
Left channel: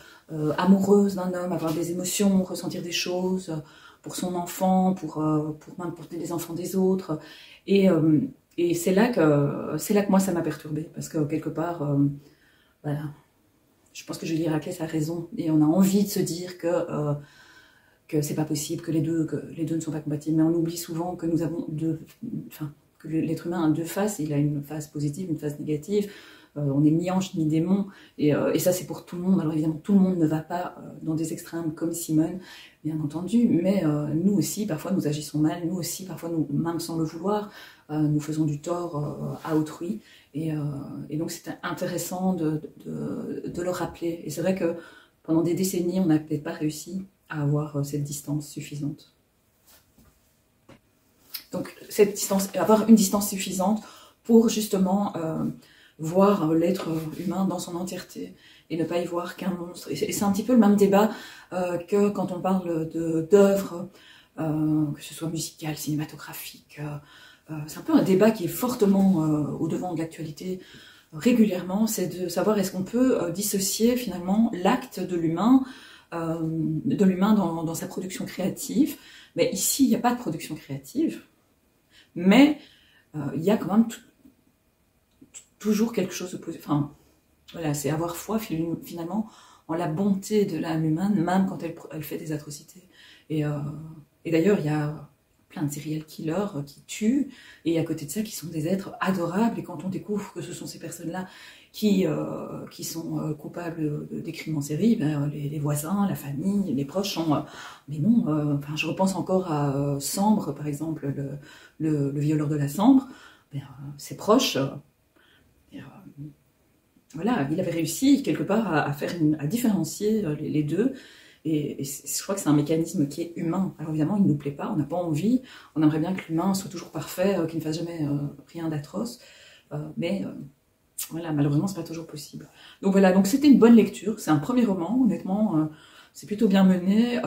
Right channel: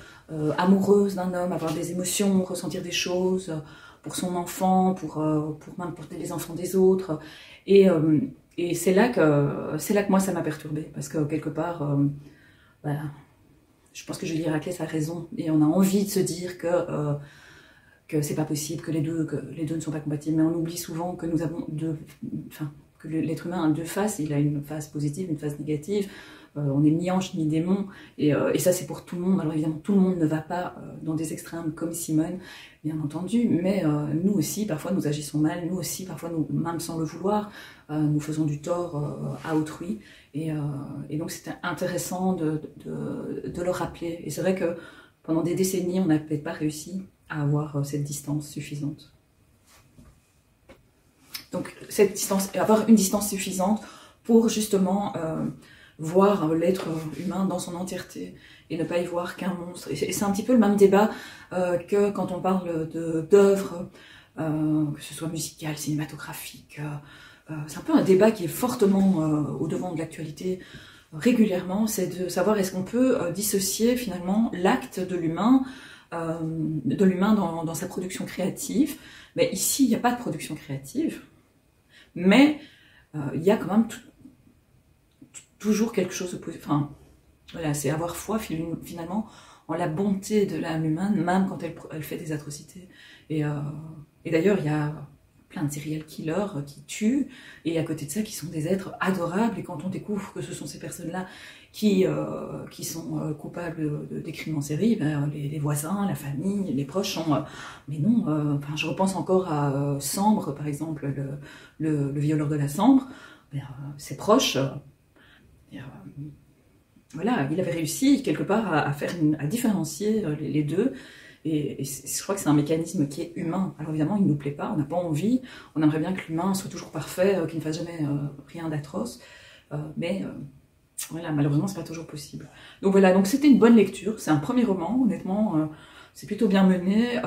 amoureuse d'un homme, avoir des émotions, ressentir des choses... pour son enfant, pour les enfants des autres. Et c'est là que moi ça m'a perturbée, parce que quelque part, voilà, je pense que Julie Héraclès a raison, et on a envie de se dire que c'est pas possible, que les deux ne sont pas compatibles, mais on oublie souvent que nous avons que l'être humain a 2 faces, il a une face positive, une face négative. On est ni ange ni démon, et ça c'est pour tout le monde. Alors évidemment tout le monde ne va pas dans des extrêmes comme Simone, bien entendu, mais nous aussi parfois nous agissons mal, nous aussi parfois même sans le vouloir, nous faisons du tort à autrui, et donc c'était intéressant de le rappeler. Et c'est vrai que pendant des décennies on n'a peut-être pas réussi à avoir cette distance suffisante. Donc cette distance, avoir une distance suffisante pour justement voir l'être humain dans son entièreté et ne pas y voir qu'un monstre. Et c'est un petit peu le même débat que quand on parle d'œuvres, que ce soit musicales, cinématographiques. C'est un peu un débat qui est fortement au devant de l'actualité régulièrement, c'est de savoir est-ce qu'on peut dissocier finalement l'acte de l'humain dans sa production créative. Mais ici, il n'y a pas de production créative, mais il y a quand même toujours quelque chose de positif. Enfin, voilà, c'est avoir foi finalement en la bonté de l'âme humaine, même quand elle fait des atrocités. Et d'ailleurs, il y a plein de serial killers qui tuent, et à côté de ça, qui sont des êtres adorables. Et quand on découvre que ce sont ces personnes-là qui sont coupables des crimes en série, ben, les voisins, la famille, les proches sont... mais non, enfin, je repense encore à Sambre, par exemple, le violeur de la Sambre. Ben, ses proches... voilà, il avait réussi quelque part à différencier les deux, et je crois que c'est un mécanisme qui est humain. Alors évidemment, il ne nous plaît pas, on n'a pas envie, on aimerait bien que l'humain soit toujours parfait, qu'il ne fasse jamais rien d'atroce, mais voilà, malheureusement, c'est pas toujours possible. Donc voilà, donc c'était une bonne lecture, c'est un premier roman, honnêtement, c'est plutôt bien mené,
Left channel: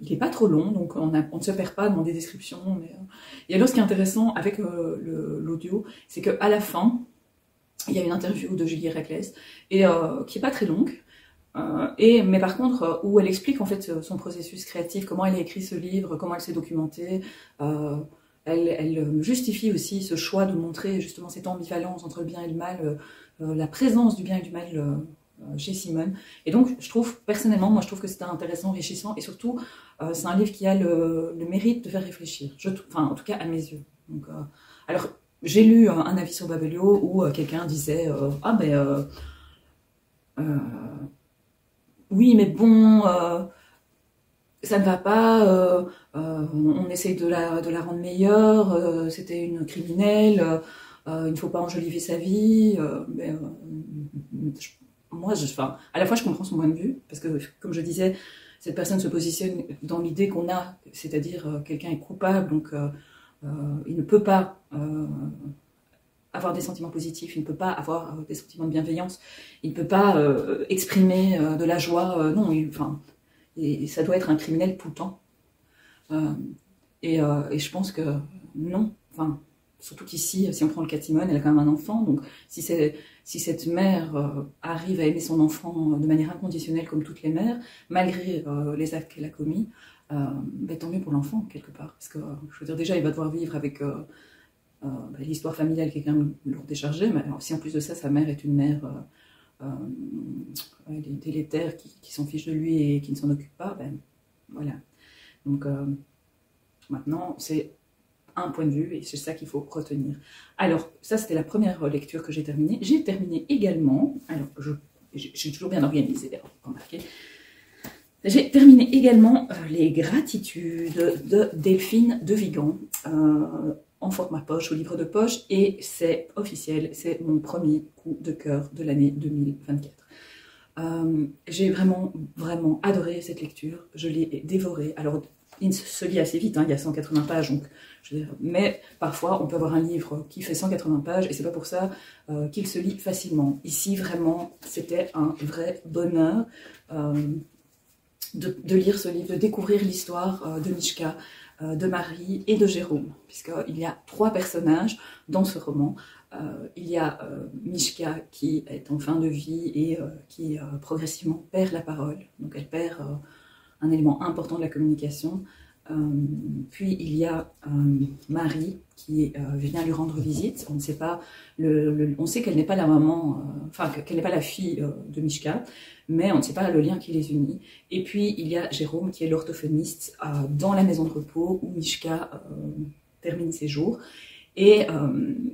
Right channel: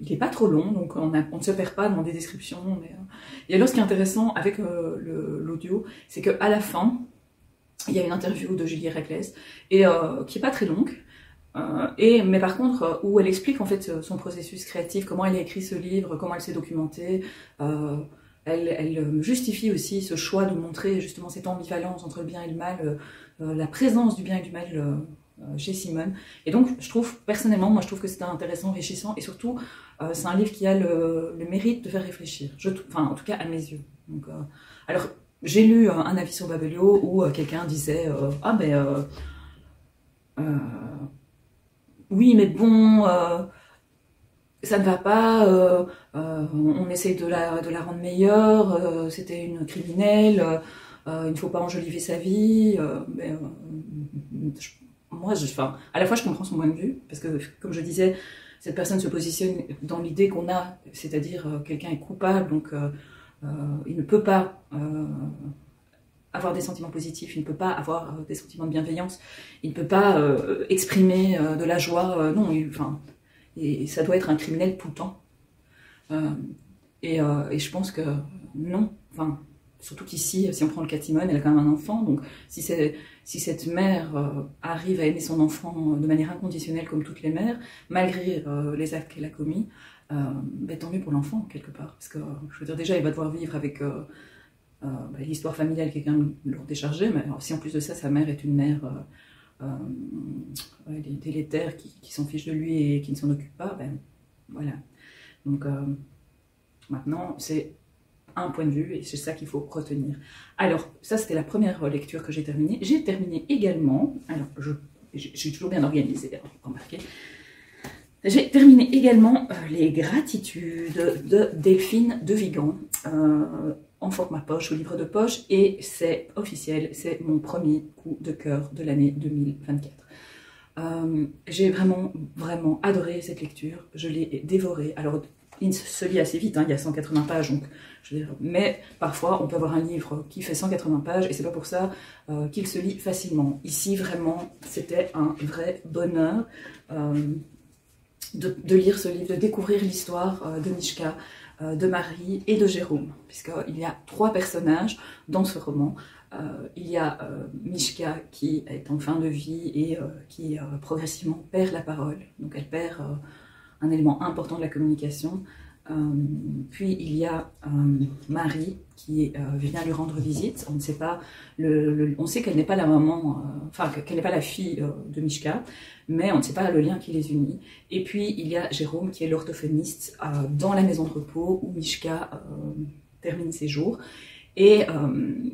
il n'est pas trop long, donc on ne se perd pas dans des descriptions. Et alors, ce qui est intéressant avec l'audio, c'est qu'à la fin, il y a une interview de Julie Reckless, et qui n'est pas très longue, mais par contre, où elle explique en fait son processus créatif, comment elle a écrit ce livre, comment elle s'est documentée. Elle justifie aussi ce choix de montrer justement cette ambivalence entre le bien et le mal, la présence du bien et du mal chez Simone. Et donc, je trouve, personnellement, moi je trouve que c'est intéressant, enrichissant, et surtout, c'est un livre qui a le mérite de faire réfléchir, enfin, en tout cas à mes yeux. Donc, alors, j'ai lu un avis sur Babelio où quelqu'un disait ah ben oui mais bon ça ne va pas, on essaye de la rendre meilleure, c'était une criminelle, il ne faut pas enjoliver sa vie. Moi, enfin, à la fois je comprends son point de vue, parce que comme je disais, cette personne se positionne dans l'idée qu'on a, c'est-à-dire quelqu'un est coupable, donc il ne peut pas avoir des sentiments positifs, il ne peut pas avoir des sentiments de bienveillance, il ne peut pas exprimer de la joie, non, et ça doit être un criminel tout le temps. Et je pense que non, enfin, surtout qu'ici, si on prend le cas de Simone, elle a quand même un enfant, donc si cette mère arrive à aimer son enfant de manière inconditionnelle comme toutes les mères, malgré les actes qu'elle a commis, ben, tant mieux pour l'enfant, quelque part. Parce que, je veux dire, déjà, il va devoir vivre avec l'histoire familiale qui est quand même lourde et chargée, mais si en plus de ça, sa mère est une mère délétère qui s'en fiche de lui et qui ne s'en occupe pas, ben voilà. Donc, maintenant, c'est un point de vue, et c'est ça qu'il faut retenir. Alors, ça, c'était la première lecture que j'ai terminée. J'ai terminé également, alors, j'ai toujours bien organisé, remarquez. J'ai terminé également Les Gratitudes de Delphine de Vigan, en format poche, au livre de poche, et c'est officiel, c'est mon premier coup de cœur de l'année 2024. J'ai vraiment, vraiment adoré cette lecture, je l'ai dévorée. Alors, il se lit assez vite, hein, il y a 180 pages, donc, je veux dire, mais parfois on peut avoir un livre qui fait 180 pages et c'est pas pour ça qu'il se lit facilement. Ici, vraiment, c'était un vrai bonheur de lire ce livre, de découvrir l'histoire de Mishka, de Marie et de Jérôme, puisqu'il y a 3 personnages dans ce roman. Il y a Mishka qui est en fin de vie et qui progressivement perd la parole, donc elle perd un élément important de la communication. Puis il y a Marie qui vient lui rendre visite. On ne sait pas, on sait qu'elle n'est pas la maman, enfin qu'elle n'est pas la fille de Mishka, mais on ne sait pas le lien qui les unit. Et puis il y a Jérôme qui est l'orthophoniste dans la maison de repos où Mishka termine ses jours. Et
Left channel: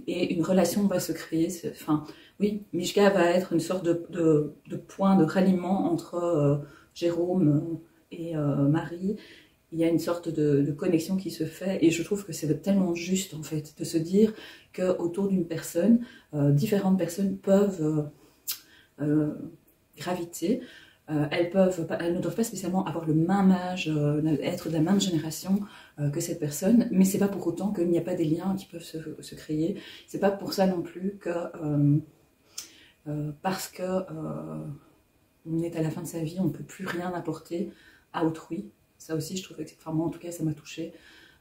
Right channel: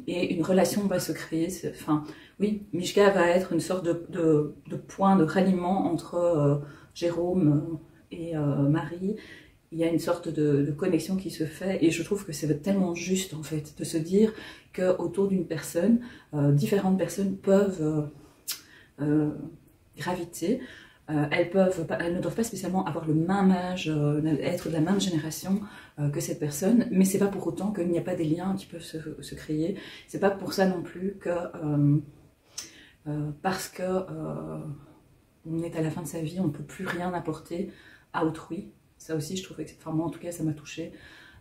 une relation va se créer. Enfin, oui, Mishka va être une sorte de point de ralliement entre Jérôme et Marie. Il y a une sorte de connexion qui se fait, et je trouve que c'est tellement juste en fait de se dire qu'autour d'une personne, différentes personnes peuvent graviter elles ne doivent pas spécialement avoir le même âge, être de la même génération que cette personne, mais c'est pas pour autant qu'il n'y a pas des liens qui peuvent se créer. C'est pas pour ça non plus que parce que on est à la fin de sa vie, on ne peut plus rien apporter à autrui. Ça aussi, je trouvais que, enfin, moi en tout cas, ça m'a touchée.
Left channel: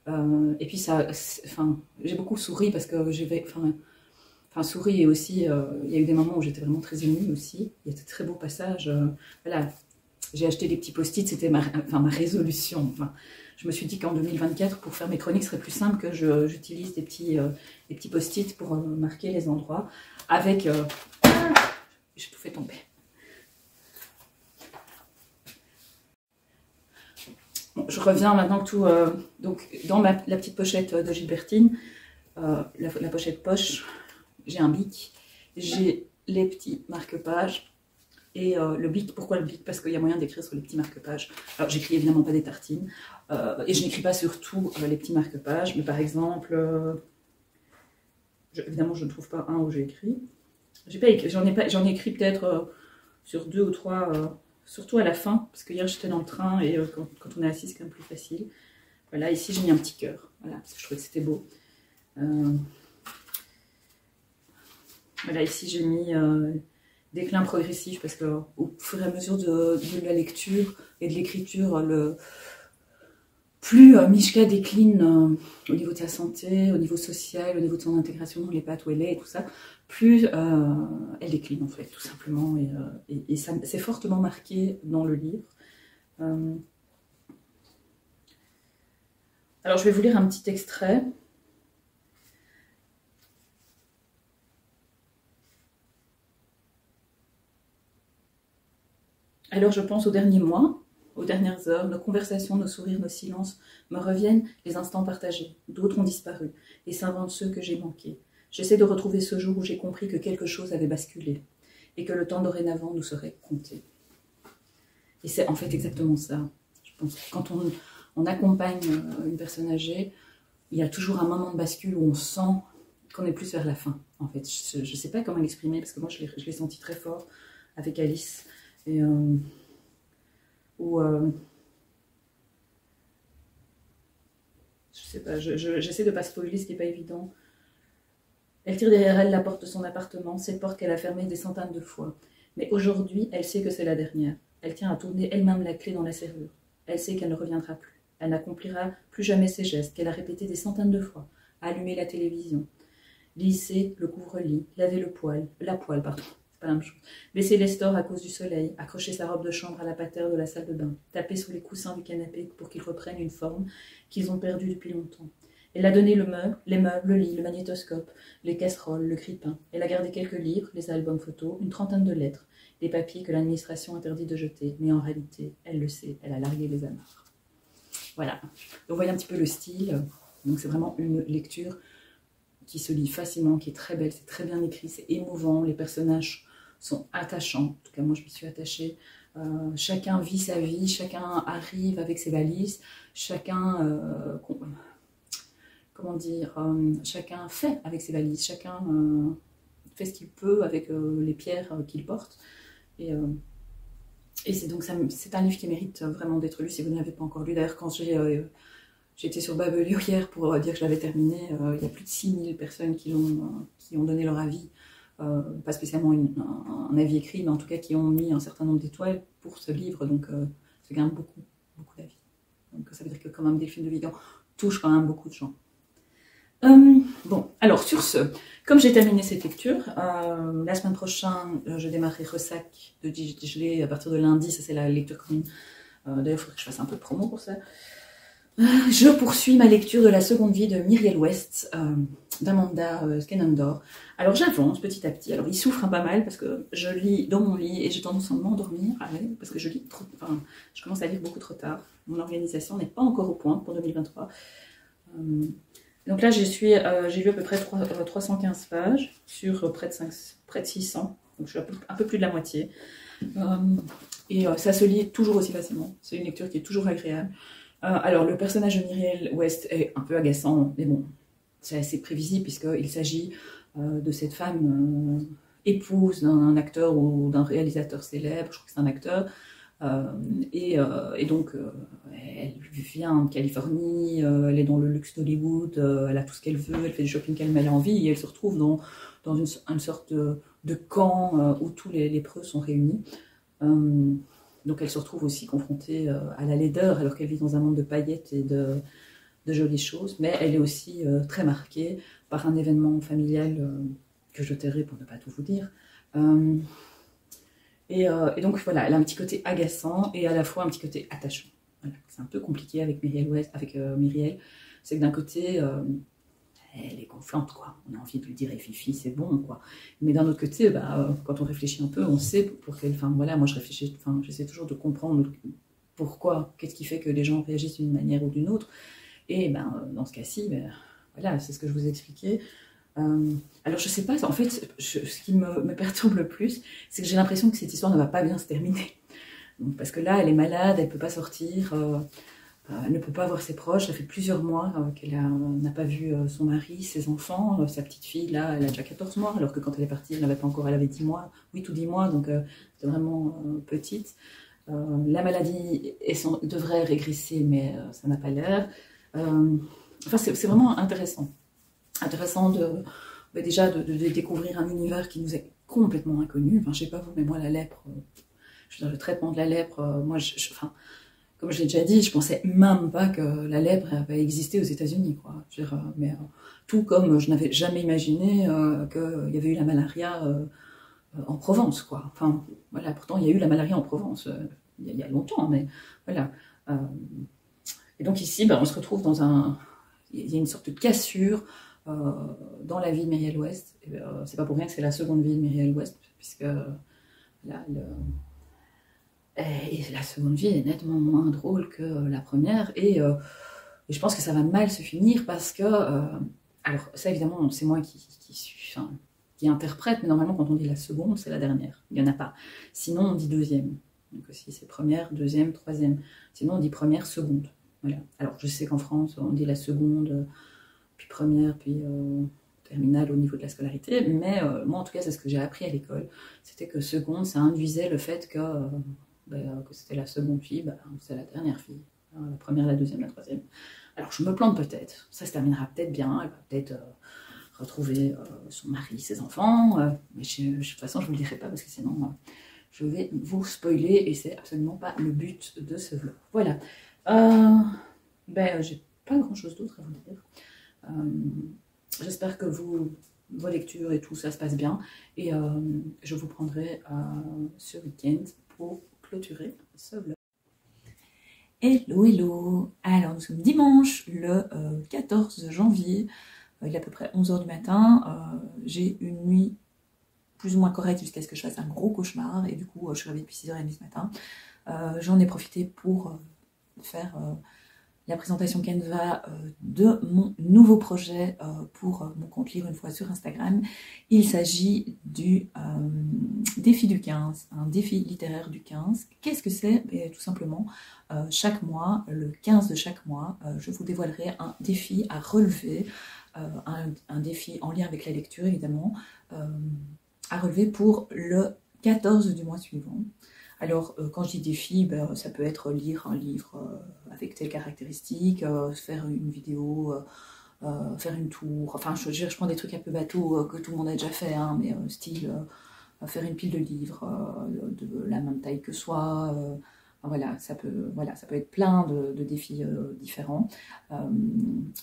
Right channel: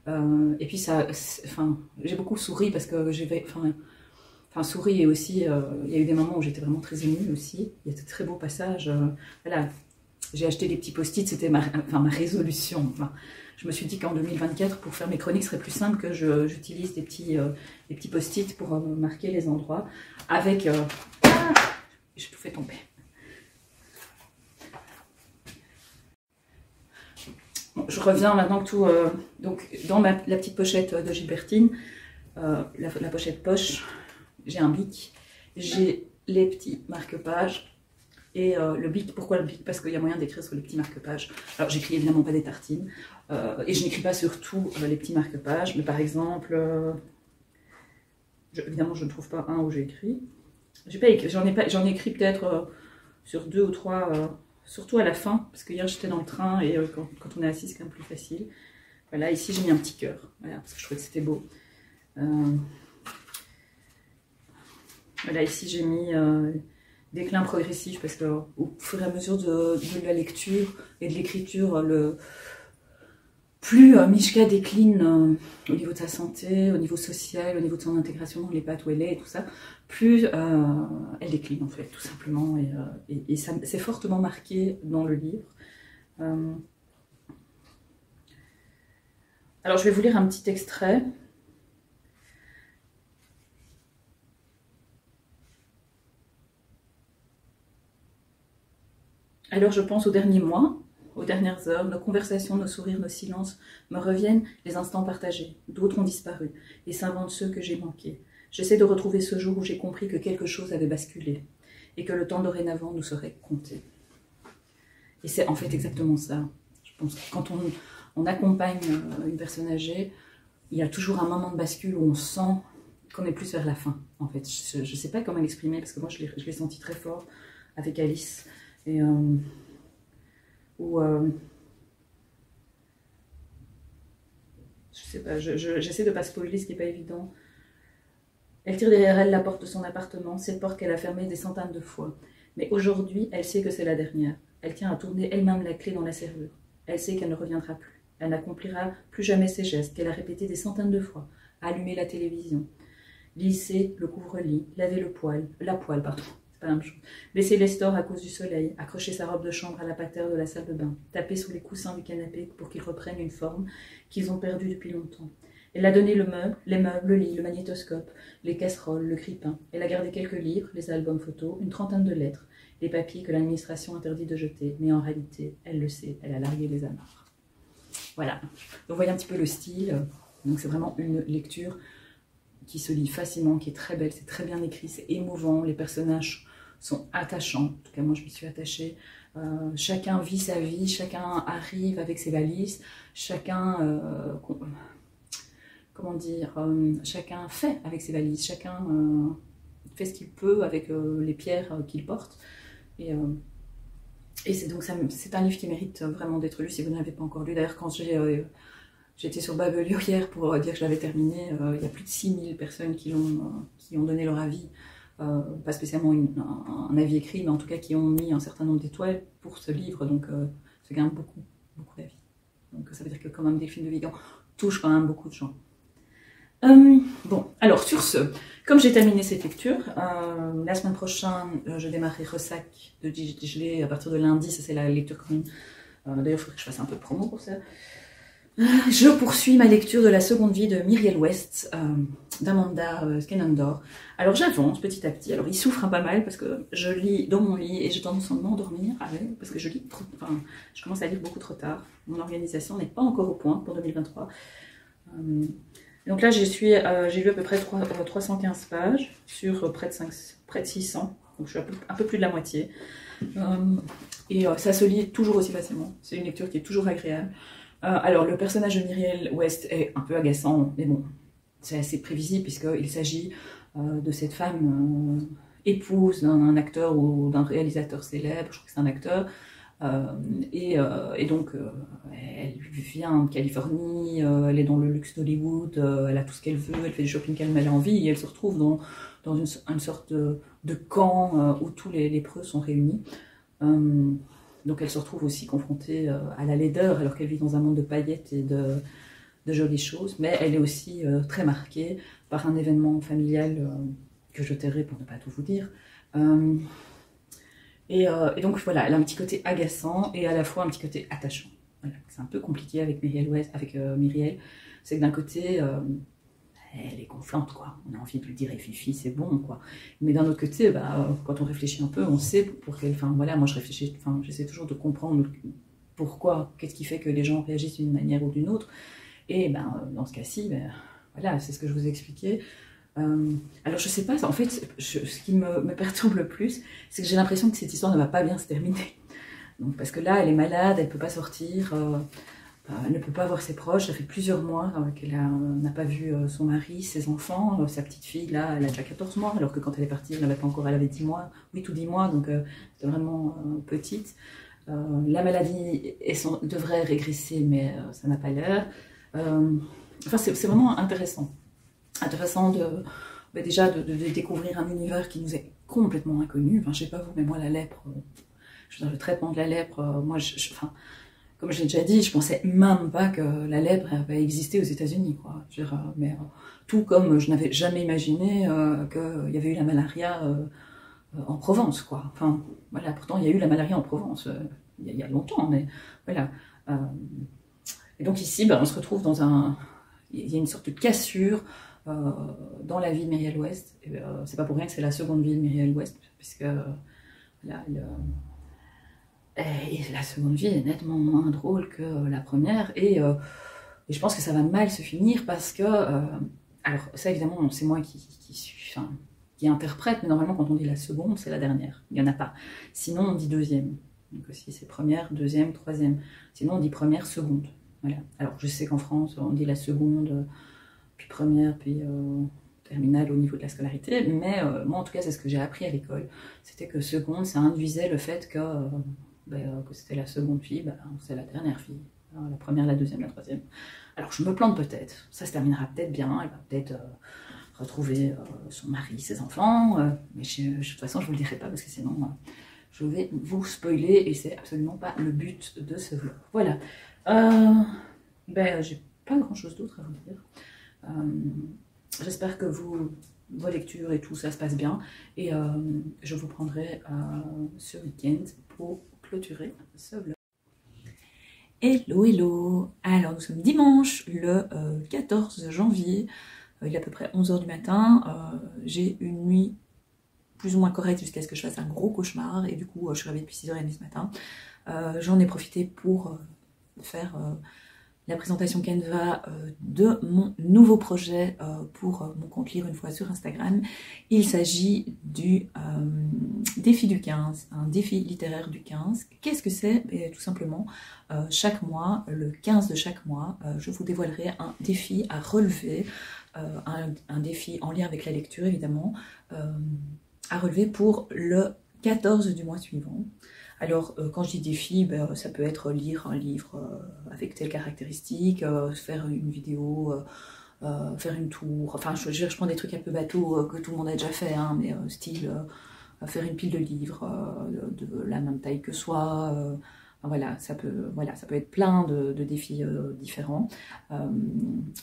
Et puis ça, enfin, j'ai beaucoup souri parce que souri et aussi, il y a eu des moments où j'étais vraiment très émue aussi. Il y a de très beaux passages. Voilà, j'ai acheté des petits post-it, c'était ma résolution. Enfin, je me suis dit qu'en 2024, pour faire mes chroniques, ce serait plus simple que j'utilise des petits post-it pour marquer les endroits. Avec, j'ai tout fait tomber. Bon, je reviens maintenant que tout, donc dans la petite pochette de Gilbertine, la pochette poche. J'ai un bic, j'ai les petits marque-pages et le bic. Pourquoi le bic? Parce qu'il y a moyen d'écrire sur les petits marque-pages. Alors j'écris évidemment pas des tartines et je n'écris pas sur tous les petits marque-pages, mais par exemple, évidemment je ne trouve pas un où j'ai écrit. J'en ai écrit peut-être sur 2 ou 3, surtout à la fin, parce que hier j'étais dans le train et quand on est assis c'est quand même plus facile. Voilà, ici j'ai mis un petit cœur, voilà, parce que je trouvais que c'était beau. Là, ici, j'ai mis déclin progressif parce que au fur et à mesure de la lecture et de l'écriture, plus Mishka décline au niveau de sa santé, au niveau social, au niveau de son intégration dans les paths où elle est et tout ça, plus elle décline en fait, tout simplement. Et ça, c'est fortement marqué dans le livre. Alors, je vais vous lire un petit extrait. Alors je pense aux derniers mois, aux dernières heures, nos conversations, nos sourires, nos silences, me reviennent les instants partagés. D'autres ont disparu, et s'inventent ceux que j'ai manqués. J'essaie de retrouver ce jour où j'ai compris que quelque chose avait basculé, et que le temps dorénavant nous serait compté. Et c'est en fait exactement ça. Je pense que quand on accompagne une personne âgée, il y a toujours un moment de bascule où on sent qu'on est plus vers la fin, en fait. Je ne sais pas comment l'exprimer, parce que moi je l'ai senti très fort avec Alice. Et je sais pas, j'essaie de pas spoiler ce qui n'est pas évident. Elle tire derrière elle la porte de son appartement, cette porte qu'elle a fermée des centaines de fois. Mais aujourd'hui, elle sait que c'est la dernière. Elle tient à tourner elle-même la clé dans la serrure. Elle sait qu'elle ne reviendra plus. Elle n'accomplira plus jamais ces gestes qu'elle a répétés des centaines de fois. Allumer la télévision, lisser le couvre-lit, laver la poêle, pardon. Pas la même chose. Baisser les stores à cause du soleil, accrocher sa robe de chambre à la patère de la salle de bain, taper sur les coussins du canapé pour qu'ils reprennent une forme qu'ils ont perdue depuis longtemps. Elle a donné les meubles, le lit, le magnétoscope, les casseroles, le grille-pain. Elle a gardé quelques livres, les albums photos, une trentaine de lettres, des papiers que l'administration interdit de jeter. Mais en réalité, elle le sait, elle a largué les amarres. Voilà. Vous voyez un petit peu le style. Donc c'est vraiment une lecture qui se lit facilement, qui est très belle, c'est très bien écrit, c'est émouvant, les personnages sont attachants, en tout cas moi je me suis attachée, chacun vit sa vie, chacun arrive avec ses valises, chacun, comment dire, chacun fait avec ses valises, chacun fait ce qu'il peut avec les pierres qu'il porte, et c'est un livre qui mérite vraiment d'être lu si vous ne l'avez pas encore lu. D'ailleurs quand j'étais sur Babelio hier pour dire que je l'avais terminé. Il y a plus de 6000 personnes qui ont donné leur avis. Pas spécialement un avis écrit, mais en tout cas qui ont mis un certain nombre d'étoiles pour ce livre. Donc ça gagne beaucoup d'avis. Donc ça veut dire que quand même Delphine de Vigan touche quand même beaucoup de gens. Bon, alors sur ce, comme j'ai terminé cette lecture, la semaine prochaine, je démarrerai Ressac de Digelet à partir de lundi. Ça c'est la lecture commune. D'ailleurs, il faudrait que je fasse un peu de promo pour ça. Je poursuis ma lecture de la seconde vie de Myriel West, d'Amanda Skenandor. Alors j'avance petit à petit. Alors il souffre pas mal parce que je lis dans mon lit et j'ai tendance à m'endormir parce que je lis trop. Enfin, je commence à lire beaucoup trop tard. Mon organisation n'est pas encore au point pour 2023. Donc là j'ai lu à peu près 315 pages sur près de 600. Donc je suis un peu plus de la moitié. Et ça se lit toujours aussi facilement. C'est une lecture qui est toujours agréable. Alors, le personnage de Myriel West est un peu agaçant, mais bon, c'est assez prévisible puisqu'il s'agit de cette femme épouse d'un acteur ou d'un réalisateur célèbre, je crois que c'est un acteur, Et donc, elle vient de Californie, elle est dans le luxe d'Hollywood, elle a tout ce qu'elle veut, elle fait du shopping qu'elle a envie, et elle se retrouve dans une sorte de camp où tous les lépreux sont réunis. Donc elle se retrouve aussi confrontée à la laideur, alors qu'elle vit dans un monde de paillettes et de jolies choses, mais elle est aussi très marquée par un événement familial que je tairai pour ne pas tout vous dire. Et donc voilà, elle a un petit côté agaçant et à la fois un petit côté attachant. Voilà. C'est un peu compliqué avec Myriel West, avec Myriel. C'est que d'un côté, elle est gonflante, quoi. On a envie de lui dire, Fifi, c'est bon, quoi. Mais d'un autre côté, quand on réfléchit un peu, on sait pour quelle. Enfin voilà, moi je réfléchis, j'essaie toujours de comprendre pourquoi, qu'est-ce qui fait que les gens réagissent d'une manière ou d'une autre. Et dans ce cas-ci, voilà, c'est ce que je vous ai expliqué. Alors je sais pas, en fait, ce qui me perturbe le plus, c'est que j'ai l'impression que cette histoire ne va pas bien se terminer. Donc, parce que là, elle est malade, elle ne peut pas sortir, elle ne peut pas voir ses proches, ça fait plusieurs mois qu'elle n'a pas vu son mari, ses enfants, sa petite fille, là, elle a déjà 14 mois, alors que quand elle est partie, elle avait pas encore, elle avait 10 mois, 8 ou 10 mois, donc c'était vraiment petite. La maladie devrait régresser, mais ça n'a pas l'air. Enfin, c'est vraiment intéressant. Intéressant déjà de découvrir un univers qui nous est complètement inconnu. Enfin, je sais pas vous, mais moi, la lèpre, le traitement de la lèpre, moi, enfin, comme je l'ai déjà dit, je pensais même pas que la lèpre avait existé aux États-Unis, quoi. Mais tout comme je n'avais jamais imaginé qu'il y avait eu la malaria en Provence, quoi. Enfin, voilà, pourtant, il y a eu la malaria en Provence il y a longtemps, mais voilà. Et donc ici, on se retrouve il y a une sorte de cassure dans la vie de Myriel West. C'est pas pour rien que c'est la seconde vie de Myriel West, puisque la seconde vie est nettement moins drôle que la première, et je pense que ça va mal se finir parce que, alors ça évidemment c'est moi qui interprète, mais normalement quand on dit la seconde c'est la dernière, il n'y en a pas, sinon on dit deuxième, donc si c'est première, deuxième, troisième, sinon on dit première, seconde, voilà. Alors je sais qu'en France on dit la seconde, puis première, puis terminale au niveau de la scolarité, mais moi en tout cas c'est ce que j'ai appris à l'école, c'était que seconde ça induisait le fait que c'était la seconde fille, c'est la dernière fille, la première, la deuxième, la troisième. Alors je me plante peut-être, ça se terminera peut-être bien, elle va peut-être retrouver son mari, ses enfants, mais de toute façon je ne vous le dirai pas parce que sinon je vais vous spoiler et c'est absolument pas le but de ce vlog. Voilà, j'ai pas grand chose d'autre à vous dire. J'espère que vos lectures et tout ça se passe bien, et je vous prendrai ce week-end pour clôturer ce vlog. Hello. Alors nous sommes dimanche le 14 janvier, il est à peu près 11h du matin, j'ai une nuit plus ou moins correcte jusqu'à ce que je fasse un gros cauchemar, et du coup je suis réveillée depuis 6h30 ce matin. J'en ai profité pour faire la présentation Canva de mon nouveau projet pour mon compte Lire une fois sur Instagram. Il s'agit du défi du 15, un défi littéraire du 15. Qu'est-ce que c'est? Tout simplement, chaque mois, le 15 de chaque mois, je vous dévoilerai un défi à relever, un défi en lien avec la lecture évidemment, à relever pour le 14 du mois suivant. Alors, quand je dis défi, ça peut être lire un livre avec telle caractéristique, faire une vidéo, faire une tour, enfin je prends des trucs un peu bateaux que tout le monde a déjà fait, hein, mais style faire une pile de livres de la même taille que soi, voilà, ça peut être plein de défis différents.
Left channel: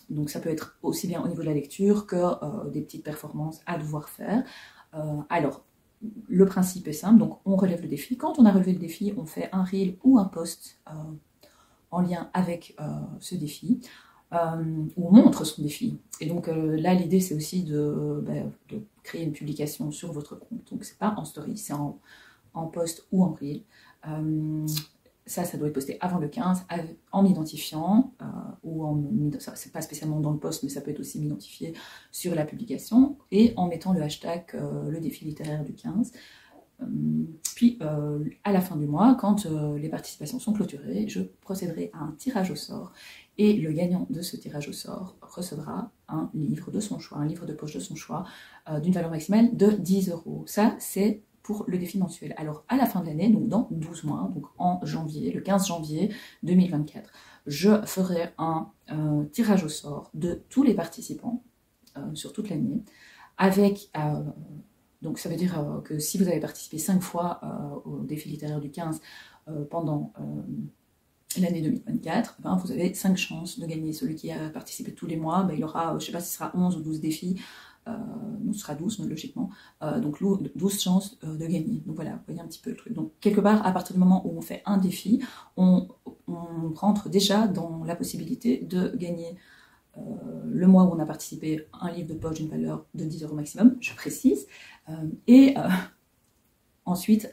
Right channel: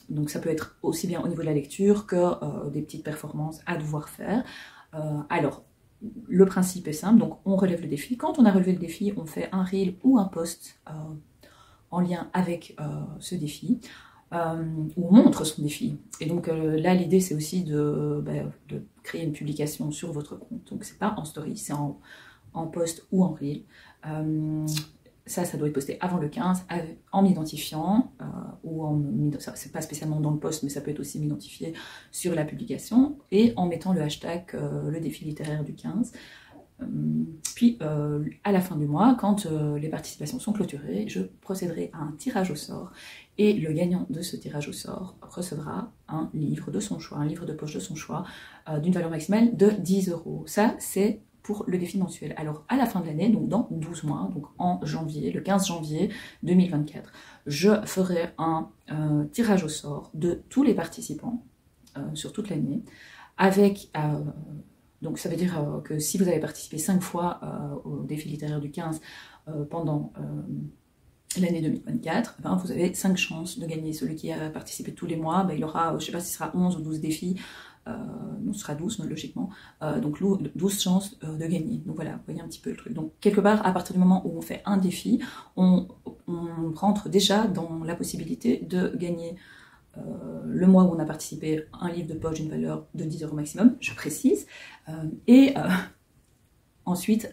Donc ça peut être aussi bien au niveau de la lecture que des petites performances à devoir faire. Alors, le principe est simple, donc on relève le défi. Quand on a relevé le défi, on fait un reel ou un post en lien avec ce défi, où on montre son défi. Et donc là, l'idée, c'est aussi de créer une publication sur votre compte. Donc c'est pas en story, c'est en post ou en reel. Ça doit être posté avant le 15, en m'identifiant, c'est pas spécialement dans le post, mais ça peut être aussi m'identifier sur la publication, et en mettant le hashtag le défi littéraire du 15. Puis à la fin du mois, quand les participations sont clôturées, je procéderai à un tirage au sort, et le gagnant de ce tirage au sort recevra un livre de son choix, un livre de poche de son choix, d'une valeur maximale de 10 €. Ça, c'est pour le défi mensuel. Alors, à la fin de l'année, donc dans 12 mois, donc en janvier, le 15 janvier 2024, je ferai un tirage au sort de tous les participants sur toute l'année, avec, donc ça veut dire que si vous avez participé 5 fois au défi littéraire du 15 pendant l'année 2024, ben, vous avez 5 chances de gagner. Celui qui a participé tous les mois, ben, il y aura, je ne sais pas si ce sera 11 ou 12 défis, ce sera 12 logiquement, donc 12 chances de gagner. Donc voilà, vous voyez un petit peu le truc. Donc quelque part, à partir du moment où on fait un défi, on rentre déjà dans la possibilité de gagner le mois où on a participé un livre de poche d'une valeur de 10 € maximum, je précise, et ensuite,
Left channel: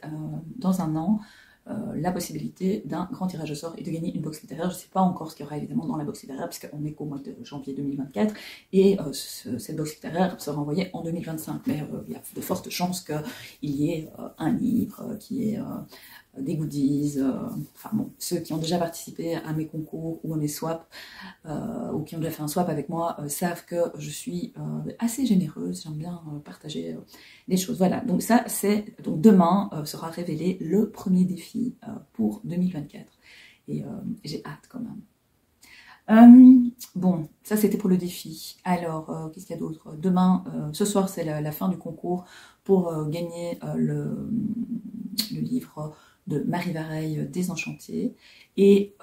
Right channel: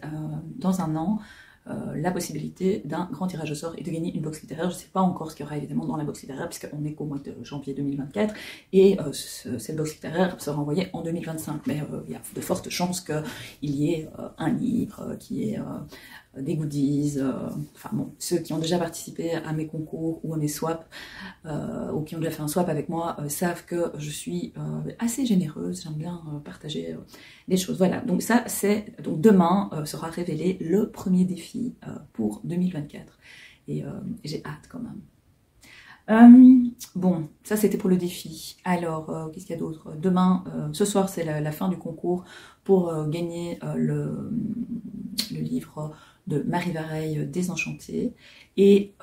dans un an, la possibilité d'un grand tirage au sort et de gagner une box littéraire. Je ne sais pas encore ce qu'il y aura évidemment dans la box littéraire, puisqu'on est qu'au mois de janvier 2024, et cette box littéraire sera envoyée en 2025, mais il y a de fortes chances qu'il y ait un livre, qu'il y ait des goodies, enfin bon, ceux qui ont déjà participé à mes concours ou à mes swaps, ou qui ont déjà fait un swap avec moi, savent que je suis assez généreuse, j'aime bien partager les choses. Voilà, donc ça c'est, donc demain sera révélé le premier défi pour 2024, et j'ai hâte quand même. Bon, ça c'était pour le défi. Alors, qu'est-ce qu'il y a d'autre? Demain, ce soir c'est la fin du concours pour gagner le livre de Marie Vareille, Désenchantée. Et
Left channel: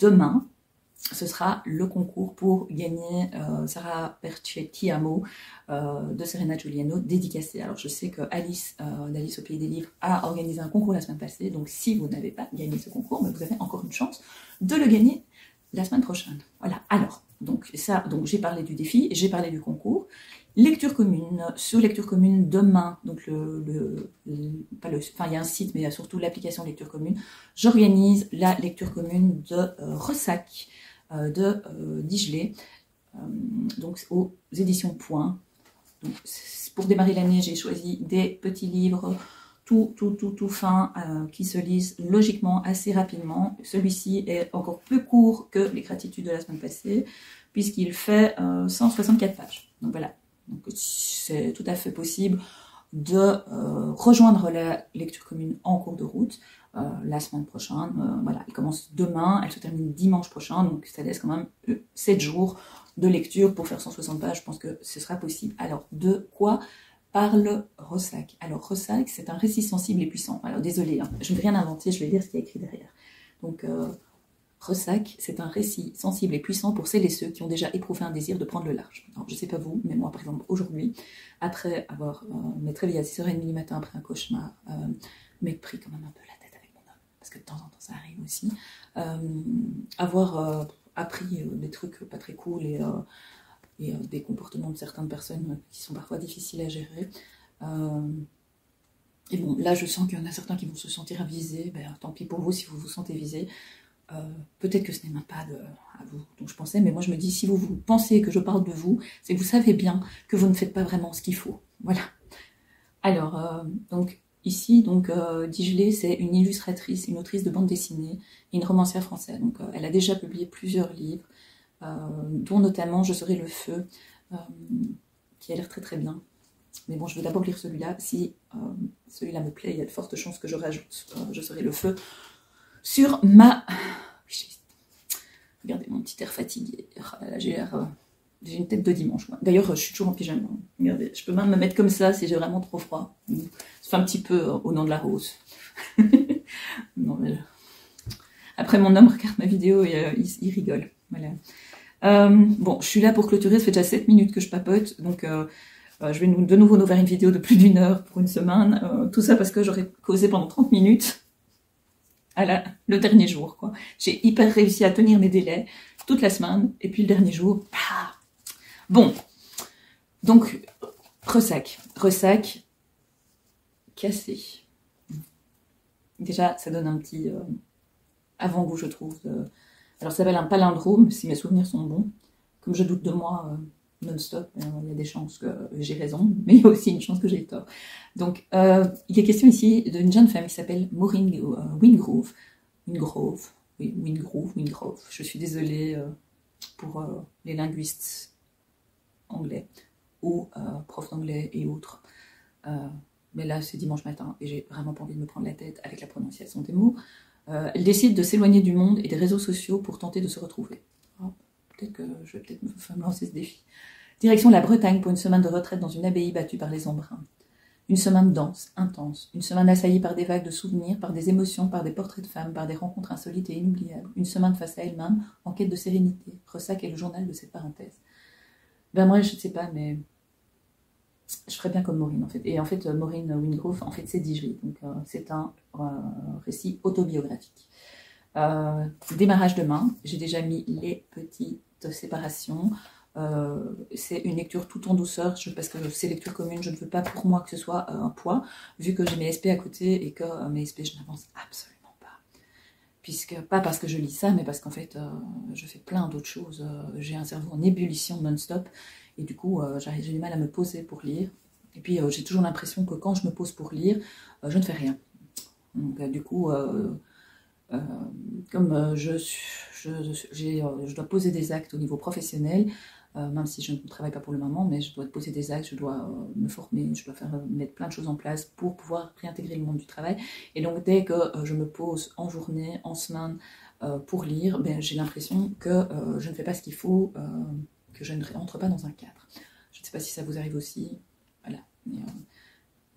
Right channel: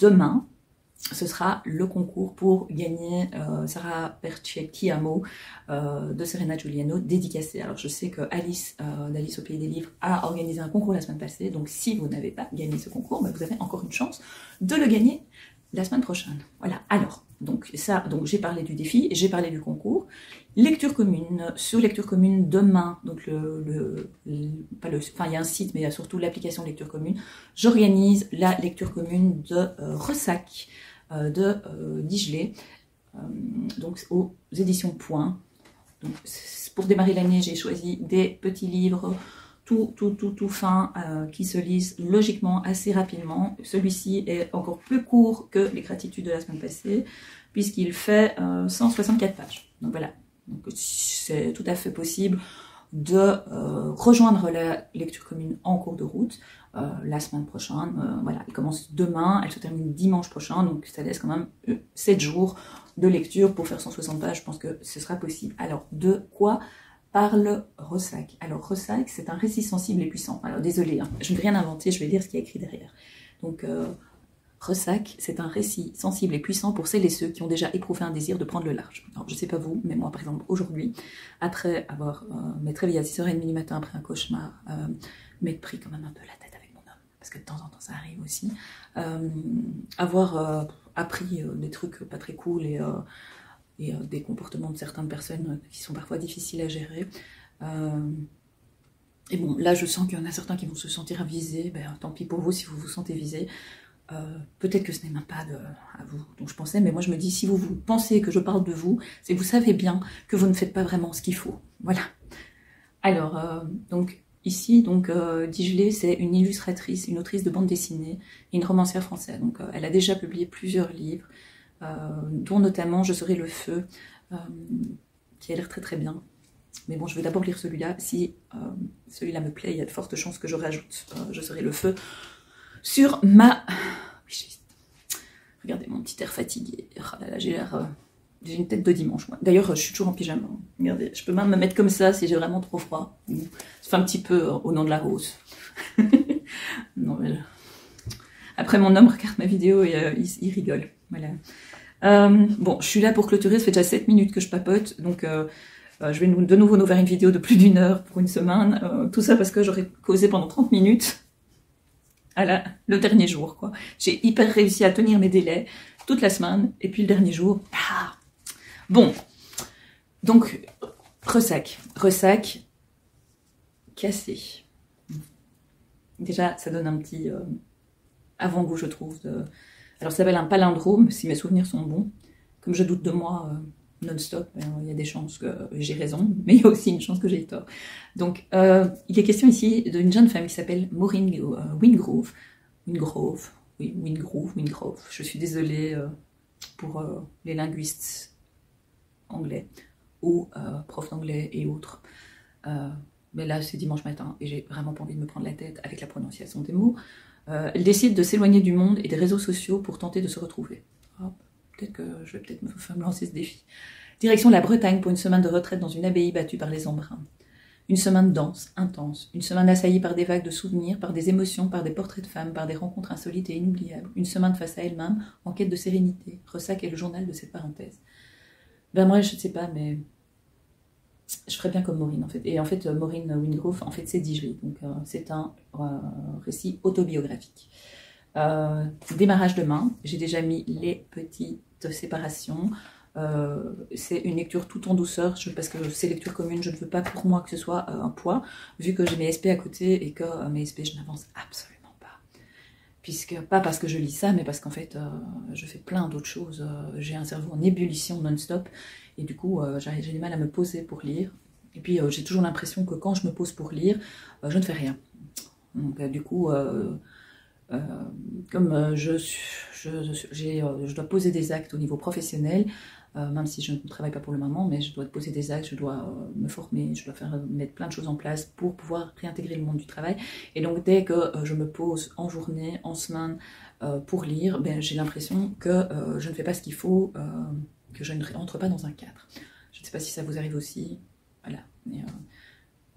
demain, ce sera le concours pour gagner Sarah Perchetti Amo de Serena Giuliano, dédicacée. Alors je sais que Alice d'Alice au Pays des Livres a organisé un concours la semaine passée, donc si vous n'avez pas gagné ce concours, vous avez encore une chance de le gagner la semaine prochaine. Voilà, alors, donc j'ai parlé du défi, j'ai parlé du concours. Lecture commune, sous lecture commune demain, donc il y a un site, mais il y a surtout l'application lecture commune. J'organise la lecture commune de Ressac de Digelet, donc aux éditions Point. Donc, pour démarrer l'année, j'ai choisi des petits livres tout fin, qui se lisent logiquement assez rapidement. Celui-ci est encore plus court que les gratitudes de la semaine passée, puisqu'il fait 164 pages. Donc voilà, c'est tout à fait possible de rejoindre la lecture commune en cours de route la semaine prochaine. Voilà, elle commence demain, elle se termine dimanche prochain, donc ça laisse quand même 7 jours de lecture pour faire 160 pages. Je pense que ce sera possible. Alors, de quoi parle Ressac? Alors, Ressac, c'est un récit sensible et puissant. Alors, désolé, hein, je ne vais rien inventer, je vais lire ce qui est écrit derrière. Donc, Ressac, c'est un récit sensible et puissant pour celles et ceux qui ont déjà éprouvé un désir de prendre le large. Alors, je ne sais pas vous, mais moi, par exemple, aujourd'hui, après avoir m'être réveillée à 6h30 du matin après un cauchemar, m'être pris quand même un peu la tête avec mon homme, parce que de temps en temps, ça arrive aussi, avoir appris des trucs pas très cool et des comportements de certaines personnes qui sont parfois difficiles à gérer. Et bon, là, je sens qu'il y en a certains qui vont se sentir visés. Ben, tant pis pour vous si vous vous sentez visés. Peut-être que ce n'est même pas à vous dont je pensais, mais moi je me dis, si vous pensez que je parle de vous, c'est que vous savez bien que vous ne faites pas vraiment ce qu'il faut. Voilà. Alors, donc ici, Digelet, c'est une illustratrice, une autrice de bande dessinée et une romancière française. Donc, elle a déjà publié plusieurs livres, dont notamment Je serai le feu, qui a l'air très très bien. Mais bon, je vais d'abord lire celui-là. Si celui-là me plaît, il y a de fortes chances que je rajoute Je serai le feu sur ma... Regardez mon petit air fatigué. J'ai une tête de dimanche. D'ailleurs, je suis toujours en pyjama. Regardez, je peux même me mettre comme ça si j'ai vraiment trop froid. Ça fait un petit peu au nom de la rose. Non, mais... Après, mon homme regarde ma vidéo et il rigole. Voilà. Bon, je suis là pour clôturer. Ça fait déjà 7 minutes que je papote. Donc, je vais de nouveau nous faire une vidéo de plus d'1 heure pour une semaine. Tout ça parce que j'aurais causé pendant 30 minutes. Le dernier jour, quoi. J'ai hyper réussi à tenir mes délais toute la semaine, et puis le dernier jour, bah. Bon, donc, Ressac, cassé. Déjà, ça donne un petit avant-goût, je trouve. Alors, ça s'appelle un palindrome, si mes souvenirs sont bons. Comme je doute de moi non-stop, il y a des chances que j'ai raison, mais il y a aussi une chance que j'ai tort. Donc, il est question ici d'une jeune femme qui s'appelle Maureen Wingrove. Wingrove. Je suis désolée pour les linguistes anglais ou profs d'anglais et autres. mais là c'est dimanche matin et j'ai vraiment pas envie de me prendre la tête avec la prononciation des mots. Elle décide de s'éloigner du monde et des réseaux sociaux pour tenter de se retrouver. Ah, peut-être que je vais peut-être me lancer ce défi. Direction la Bretagne pour une semaine de retraite dans une abbaye battue par les embruns. Une semaine dense, intense, une semaine assaillie par des vagues de souvenirs, par des émotions, par des portraits de femmes, par des rencontres insolites et inoubliables. Une semaine face à elle-même, en quête de sérénité. Ressac est le journal de cette parenthèse. Ben moi, je ne sais pas, mais je ferais bien comme Maureen en fait. Et en fait, Maureen Wingrove, en fait, c'est dit je lis. Donc c'est un récit autobiographique. Démarrage demain. J'ai déjà mis les petites séparations. C'est une lecture tout en douceur parce que c'est lecture commune, je ne veux pas pour moi que ce soit un poids, vu que j'ai mes SP à côté et que mes SP je n'avance absolument pas, puisque pas parce que je lis ça, mais parce qu'en fait je fais plein d'autres choses, j'ai un cerveau en ébullition non-stop et du coup j'ai du mal à me poser pour lire, et puis j'ai toujours l'impression que quand je me pose pour lire, je ne fais rien. Donc du coup comme je dois poser des actes au niveau professionnel, même si je ne travaille pas pour le moment, mais je dois poser des actes, je dois me former, je dois mettre plein de choses en place pour pouvoir réintégrer le monde du travail. Et donc dès que je me pose en journée, en semaine, pour lire, ben, j'ai l'impression que je ne fais pas ce qu'il faut, que je ne rentre pas dans un cadre. Je ne sais pas si ça vous arrive aussi, voilà. Mais,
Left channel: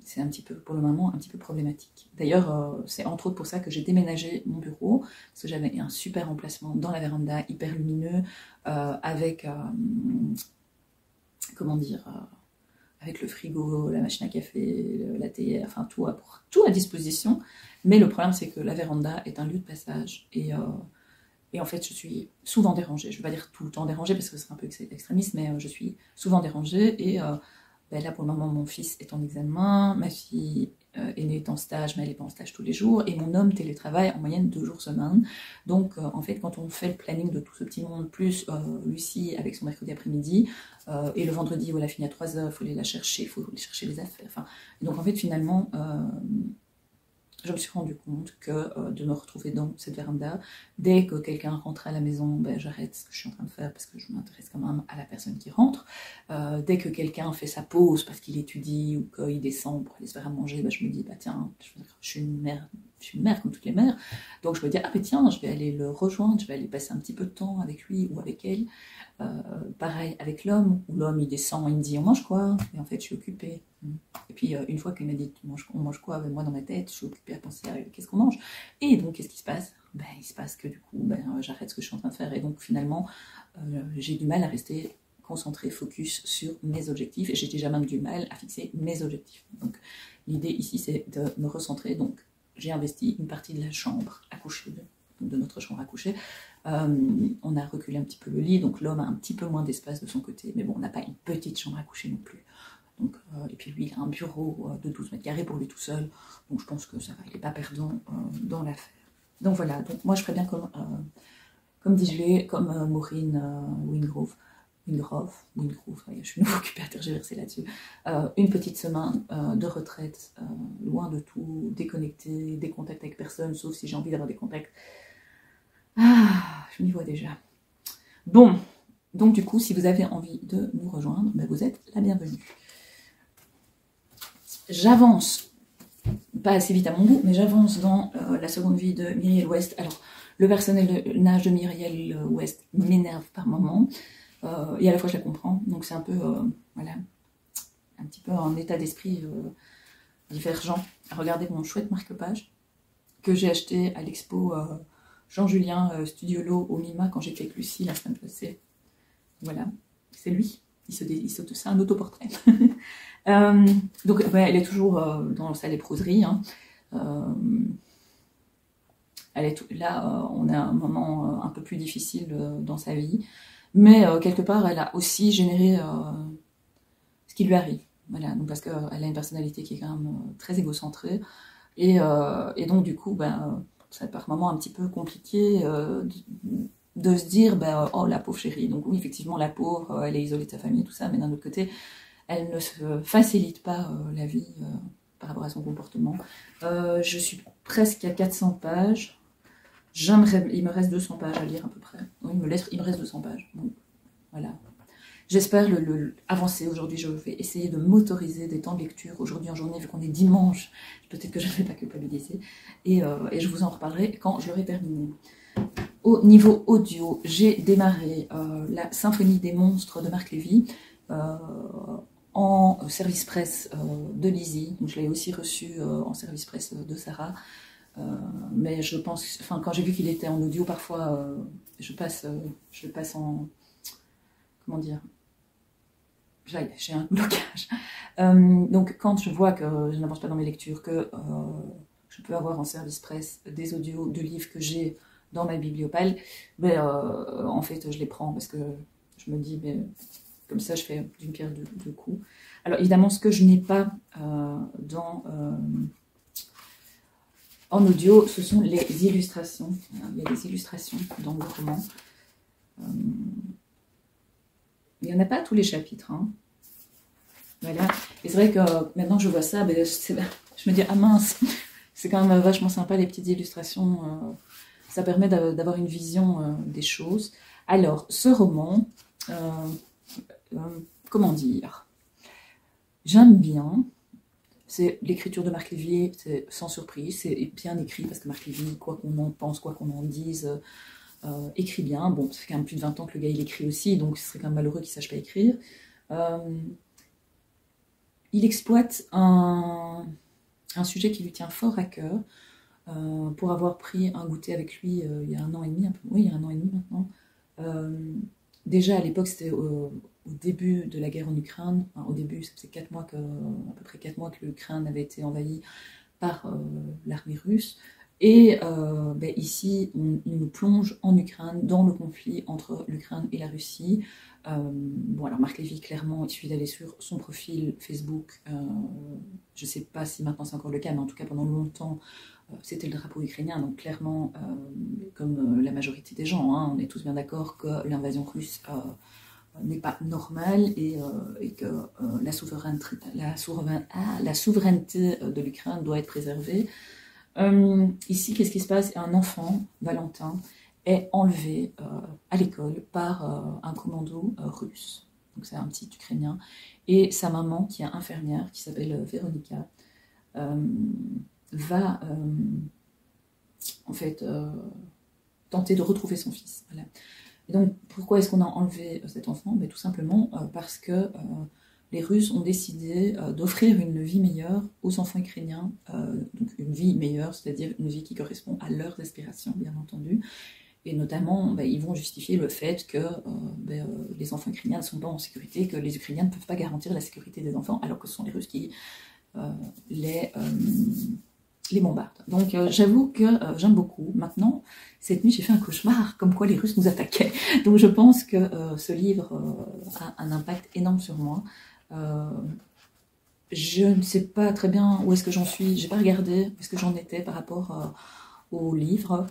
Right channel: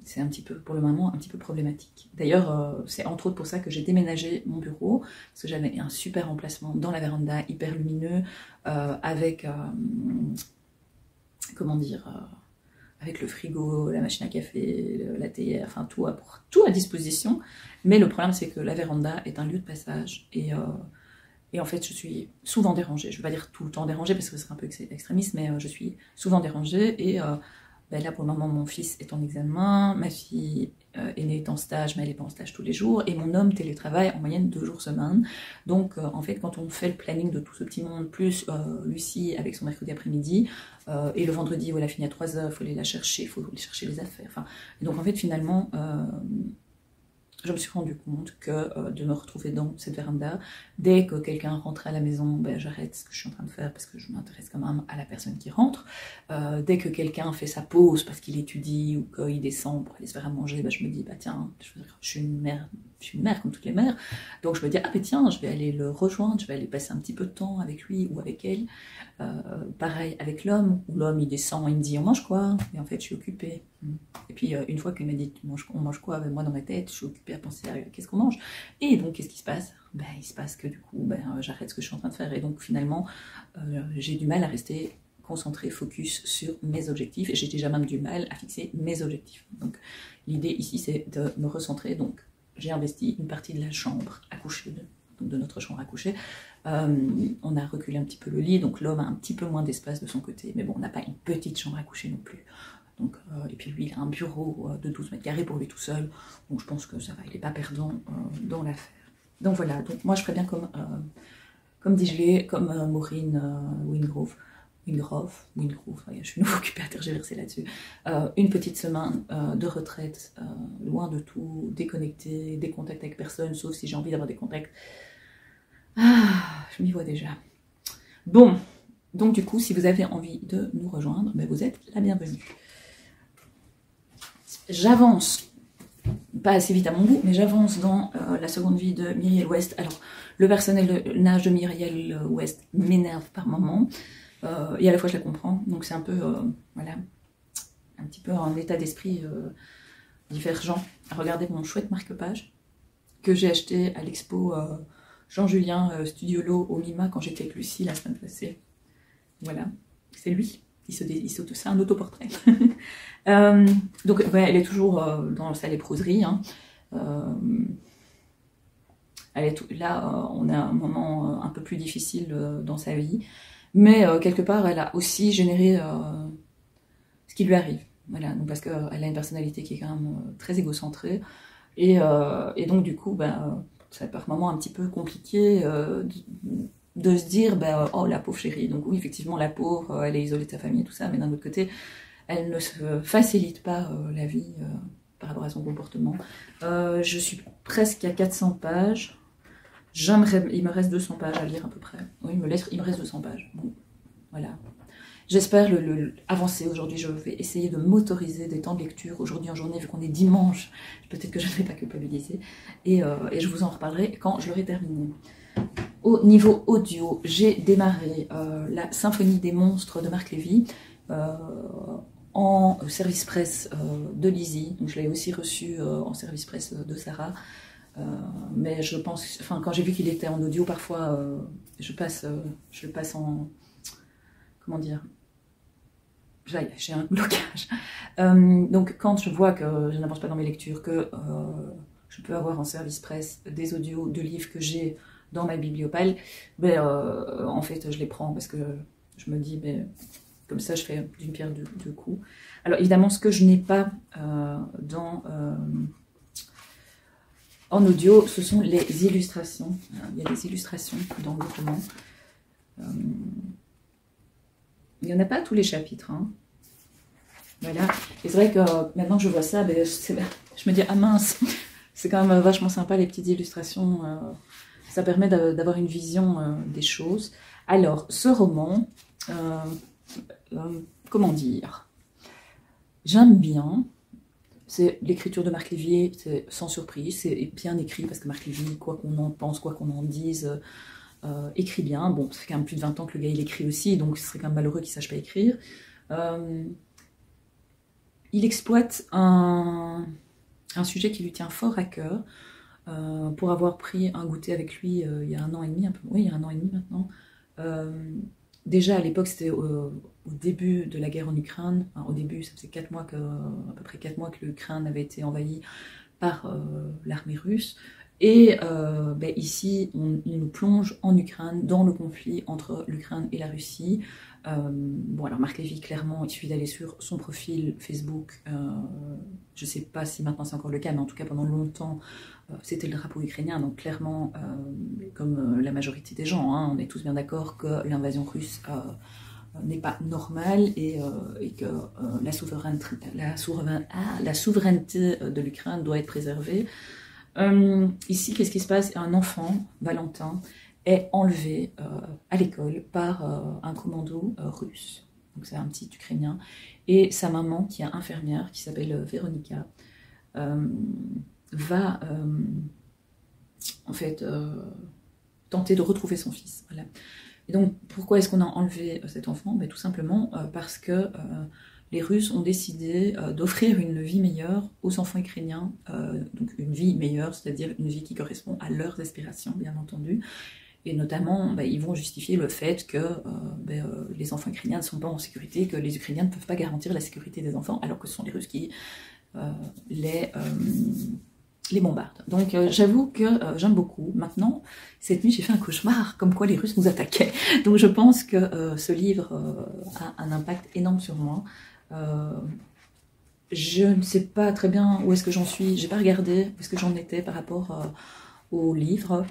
c'est un petit peu, pour le moment, un petit peu problématique. D'ailleurs, c'est entre autres pour ça que j'ai déménagé mon bureau, parce que j'avais un super emplacement dans la véranda, hyper lumineux, avec, comment dire, avec le frigo, la machine à café, la théière, enfin tout à disposition. Mais le problème, c'est que la véranda est un lieu de passage, et en fait, je suis souvent dérangée. Je ne vais pas dire tout le temps dérangée, parce que c'est un peu extrémiste, mais je suis souvent dérangée, et ben là, pour le moment, mon fils est en examen, ma fille aînée est en stage, mais elle n'est pas en stage tous les jours, et mon homme télétravaille en moyenne 2 jours semaine. Donc, en fait, quand on fait le planning de tout ce petit monde, plus Lucie avec son mercredi après-midi, et le vendredi où elle a fini à 3h, il faut aller la chercher, il faut aller chercher les affaires. Enfin, et donc, en fait, finalement, je me suis rendu compte que de me retrouver dans cette véranda, dès que quelqu'un rentre à la maison, ben, j'arrête ce que je suis en train de faire parce que je m'intéresse quand même à la personne qui rentre. Dès que quelqu'un fait sa pause parce qu'il étudie ou qu'il descend pour aller se faire à manger, ben, je me dis, bah, tiens, je suis une mère comme toutes les mères. Donc je me dis, ah ben tiens, je vais aller le rejoindre, je vais aller passer un petit peu de temps avec lui ou avec elle. Pareil avec l'homme, où l'homme il descend, il me dit on mange quoi, et en fait je suis occupée. Et puis une fois qu'il m'a dit on mange quoi, ben, moi dans ma tête je suis occupée à penser à qu'est-ce qu'on mange. Et donc qu'est-ce qui se passe, ben, il se passe que du coup ben, j'arrête ce que je suis en train de faire, et donc finalement j'ai du mal à rester concentrée, focus sur mes objectifs, et j'ai déjà même du mal à fixer mes objectifs. Donc l'idée ici c'est de me recentrer. Donc j'ai investi une partie de la chambre à coucher, de notre chambre à coucher. On a reculé un petit peu le lit, donc l'homme a un petit peu moins d'espace de son côté, mais bon, on n'a pas une petite chambre à coucher non plus. Donc, et puis lui, il a un bureau de 12 mètres carrés pour lui tout seul, donc je pense que ça va, il n'est pas perdant dans l'affaire. Donc voilà, donc moi je ferais bien comme dit Gelée, comme Maureen Wingrove, ouais, je suis nouveau occupée à tergiverser là-dessus. Une petite semaine de retraite, loin de tout, déconnectée, des contacts avec personne, sauf si j'ai envie d'avoir des contacts. Ah, je m'y vois déjà. Bon, donc du coup, si vous avez envie de nous rejoindre, ben vous êtes la bienvenue. J'avance, pas assez vite à mon goût, mais j'avance dans la seconde vie de Myriel West. Alors, le personnage de Myriel West m'énerve par moments, et à la fois je la comprends, donc c'est un peu, voilà, un petit peu un état d'esprit divergent. Regardez mon chouette marque-page que j'ai acheté à l'expo Jean-Julien Studiolo au MIMA quand j'étais avec Lucie la semaine passée. Voilà, c'est lui. C'est un autoportrait. Donc, ouais, elle est toujours dans sa léproserie. Hein. Là, on a un moment un peu plus difficile dans sa vie. Mais quelque part, elle a aussi généré ce qui lui arrive. Voilà, donc parce qu'elle a une personnalité qui est quand même très égocentrée. Et donc, du coup, bah, c'est par moments un petit peu compliqué de se dire, bah, oh la pauvre chérie. Donc oui, effectivement, la pauvre, elle est isolée de sa famille et tout ça, mais d'un autre côté, elle ne se facilite pas la vie par rapport à son comportement. Je suis presque à 400 pages. Il me reste 200 pages à lire à peu près. Oui, il me reste 200 pages. Bon, voilà. J'espère avancer aujourd'hui. Je vais essayer de m'autoriser des temps de lecture aujourd'hui en journée, vu qu'on est dimanche. Peut-être que je ne vais pas culpabiliser. Et je vous en reparlerai quand je l'aurai terminé. Au niveau audio, j'ai démarré la Symphonie des monstres de Marc Lévy en service presse de Lizzie. Donc je l'ai aussi reçu en service presse de Sarah. Mais je pense, enfin, quand j'ai vu qu'il était en audio, parfois je le passe en, comment dire, j'ai un blocage. Donc quand je vois que je n'avance pas dans mes lectures, que je peux avoir en service presse des audios de livres que j'ai dans ma bibliopale, mais en fait je les prends parce que je me dis, mais comme ça je fais d'une pierre deux coups. Alors évidemment, ce que je n'ai pas en audio, ce sont les illustrations. Il y a des illustrations dans le roman. Il n'y en a pas à tous les chapitres. Hein. Voilà. Et c'est vrai que maintenant que je vois ça, ben, je me dis, ah mince, c'est quand même vachement sympa les petites illustrations. Ça permet d'avoir une vision des choses. Alors, ce roman, comment dire, j'aime bien. C'est l'écriture de Marc Lévy, c'est sans surprise, c'est bien écrit parce que Marc Lévy, quoi qu'on en pense, quoi qu'on en dise, écrit bien. Bon, ça fait quand même plus de 20 ans que le gars il écrit aussi, donc ce serait quand même malheureux qu'il ne sache pas écrire. Il exploite un sujet qui lui tient fort à cœur. Pour avoir pris un goûter avec lui il y a 1 an et demi, un peu, ouais, il y a 1 an et demi maintenant. Déjà à l'époque, c'était au début de la guerre en Ukraine. Enfin, au début, ça faisait à peu près 4 mois que l'Ukraine avait été envahie par l'armée russe. Et ben, ici, on nous plonge en Ukraine, dans le conflit entre l'Ukraine et la Russie. Bon, alors Marc Lévy, clairement, il suffit d'aller sur son profil Facebook. Je ne sais pas si maintenant c'est encore le cas, mais en tout cas pendant longtemps, c'était le drapeau ukrainien. Donc clairement, comme la majorité des gens, hein, on est tous bien d'accord que l'invasion russe n'est pas normale et que la souveraineté de l'Ukraine doit être préservée. Ici, qu'est-ce qui se passe? Un enfant, Valentin, est enlevé à l'école par un commando russe. Donc c'est un petit Ukrainien. Et sa maman, qui est infirmière, qui s'appelle Véronica, va en fait tenter de retrouver son fils. Voilà. Et donc pourquoi est-ce qu'on a enlevé cet enfant? Mais tout simplement parce que les Russes ont décidé d'offrir une vie meilleure aux enfants ukrainiens, donc une vie meilleure, c'est-à-dire une vie qui correspond à leurs aspirations, bien entendu. Et notamment, ils vont justifier le fait que les enfants ukrainiens ne sont pas en sécurité, que les Ukrainiens ne peuvent pas garantir la sécurité des enfants, alors que ce sont les Russes qui les bombardent. Donc j'avoue que j'aime beaucoup. Maintenant, cette nuit, j'ai fait un cauchemar, comme quoi les Russes nous attaquaient. Donc je pense que ce livre a un impact énorme sur moi. Je ne sais pas très bien où est-ce que j'en suis, j'ai pas regardé où est-ce que j'en étais par rapport au livre.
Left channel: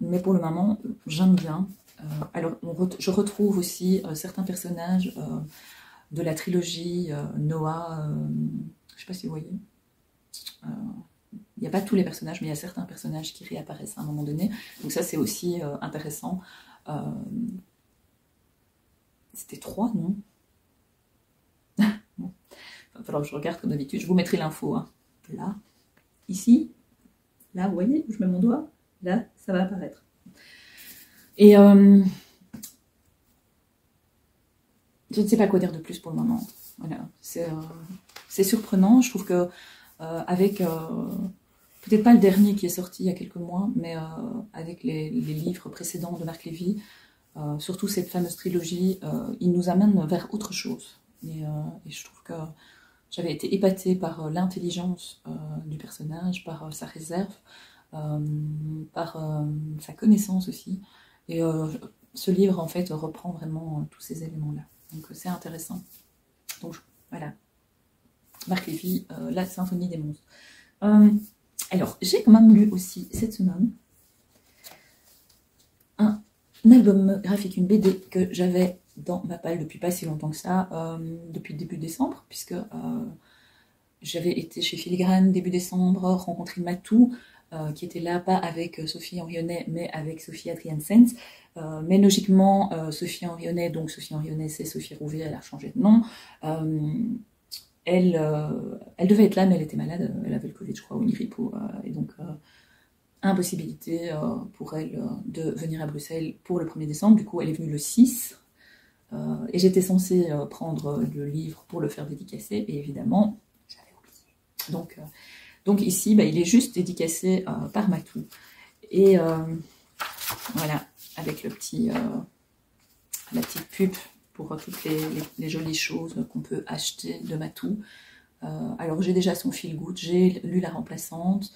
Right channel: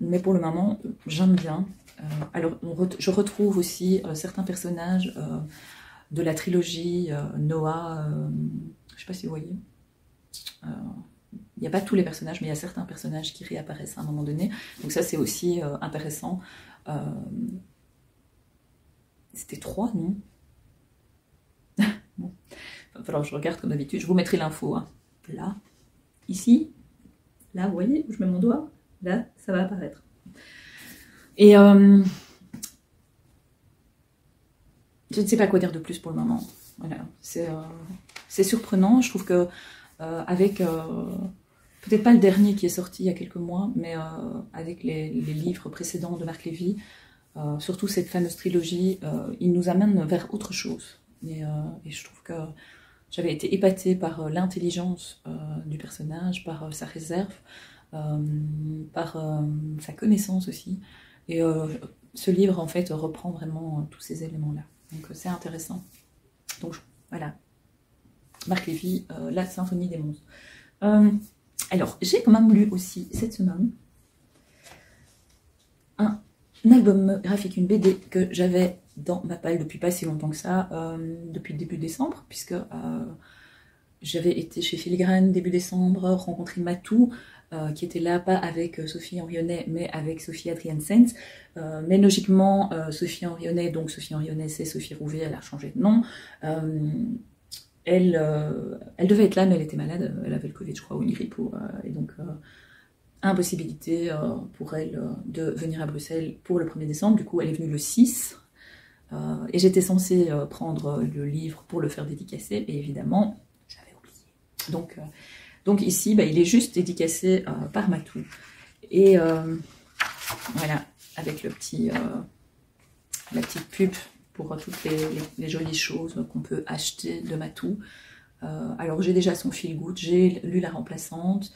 Mais pour le moment, j'aime bien. Alors, je retrouve aussi certains personnages de la trilogie Noah. Je ne sais pas si vous voyez. Il n'y a pas tous les personnages, mais il y a certains personnages qui réapparaissent à un moment donné. Donc ça, c'est aussi intéressant. C'était 3, non? Bon. Il va falloir que je regarde comme d'habitude. Je vous mettrai l'info. Hein. Là, ici, là, vous voyez où je mets mon doigt? Là, ça va apparaître. Et je ne sais pas quoi dire de plus pour le moment. Voilà, c'est surprenant. Je trouve que avec peut-être pas le dernier qui est sorti il y a quelques mois, mais avec les livres précédents de Marc Lévy, surtout cette fameuse trilogie, il nous amène vers autre chose. Et je trouve que j'avais été épatée par l'intelligence du personnage, par sa réserve. Par sa connaissance aussi. Et ce livre, en fait, reprend vraiment tous ces éléments-là. Donc, c'est intéressant. Donc, voilà. Marc Lévy, La Symphonie des monstres. Alors, j'ai quand même lu aussi, cette semaine, un album graphique, une BD que j'avais dans ma palle depuis pas si longtemps que ça, depuis le début décembre, puisque j'avais été chez Filigrane début décembre, rencontré Matou, qui était là, pas avec Sophie Henrionnet, mais avec Sophie Adriaansens. Mais logiquement, Sophie Henrionnet, donc Sophie Henrionnet, c'est Sophie Rouvet, elle a changé de nom. Elle devait être là, mais elle était malade, elle avait le Covid, je crois, ou une grippe, et donc impossibilité pour elle de venir à Bruxelles pour le 1er décembre. Du coup, elle est venue le 6, et j'étais censée prendre le livre pour le faire dédicacer, mais évidemment, j'avais oublié. Donc ici, il est juste dédicacé par Matou. Et voilà, avec la petite pub pour toutes les jolies choses qu'on peut acheter de Matou. Alors j'ai déjà son feel good, j'ai lu La Remplaçante,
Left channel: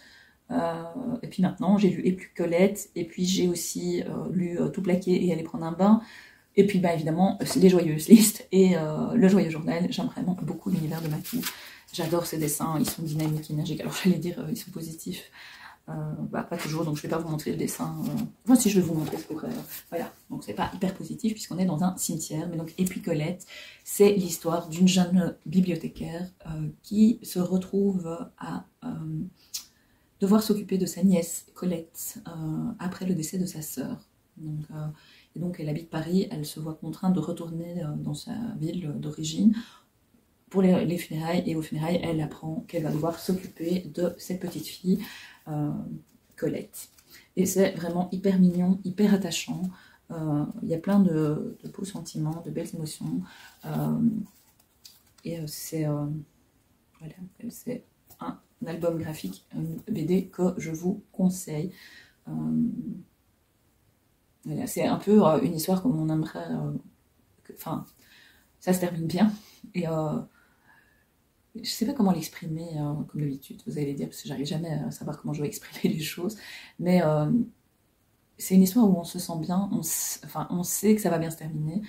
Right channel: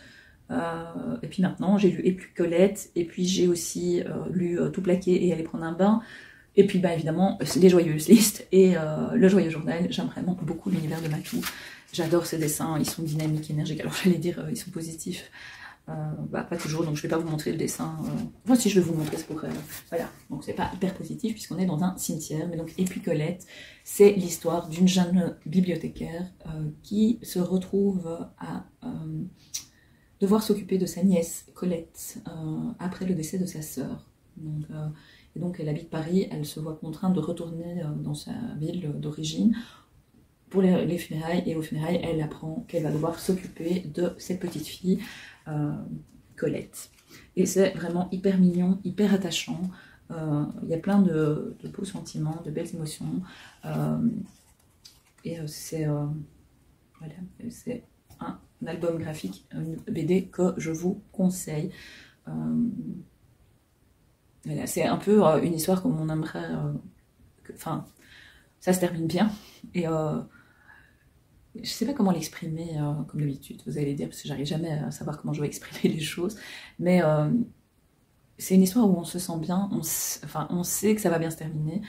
et puis maintenant j'ai lu Et plus Colette, et puis j'ai aussi lu Tout plaquer et aller prendre un bain, et puis évidemment Les Joyeuses Listes et Le Joyeux Journal. J'aime vraiment beaucoup l'univers de Matou. J'adore ses dessins, ils sont dynamiques, énergiques. Alors j'allais dire, ils sont positifs. Pas toujours, donc je ne vais pas vous montrer le dessin. Enfin, si je vais vous montrer, c'est pour. Voilà, donc c'est pas hyper positif puisqu'on est dans un cimetière. Mais donc, Et puis Colette, c'est l'histoire d'une jeune bibliothécaire qui se retrouve à devoir s'occuper de sa nièce Colette après le décès de sa sœur. Et donc, elle habite Paris, elle se voit contrainte de retourner dans sa ville d'origine pour les funérailles, et aux funérailles, elle apprend qu'elle va devoir s'occuper de cette petite fille, Colette. Et c'est vraiment hyper mignon, hyper attachant. Il y a plein de beaux sentiments, de belles émotions. C'est un album graphique, une BD que je vous conseille. Voilà, c'est un peu une histoire comme on aimerait. Enfin, ça se termine bien. Et je sais pas comment l'exprimer comme d'habitude, vous allez dire, parce que j'arrive jamais à savoir comment je vais exprimer les choses, mais c'est une histoire où on se sent bien, on sait que ça va bien se terminer,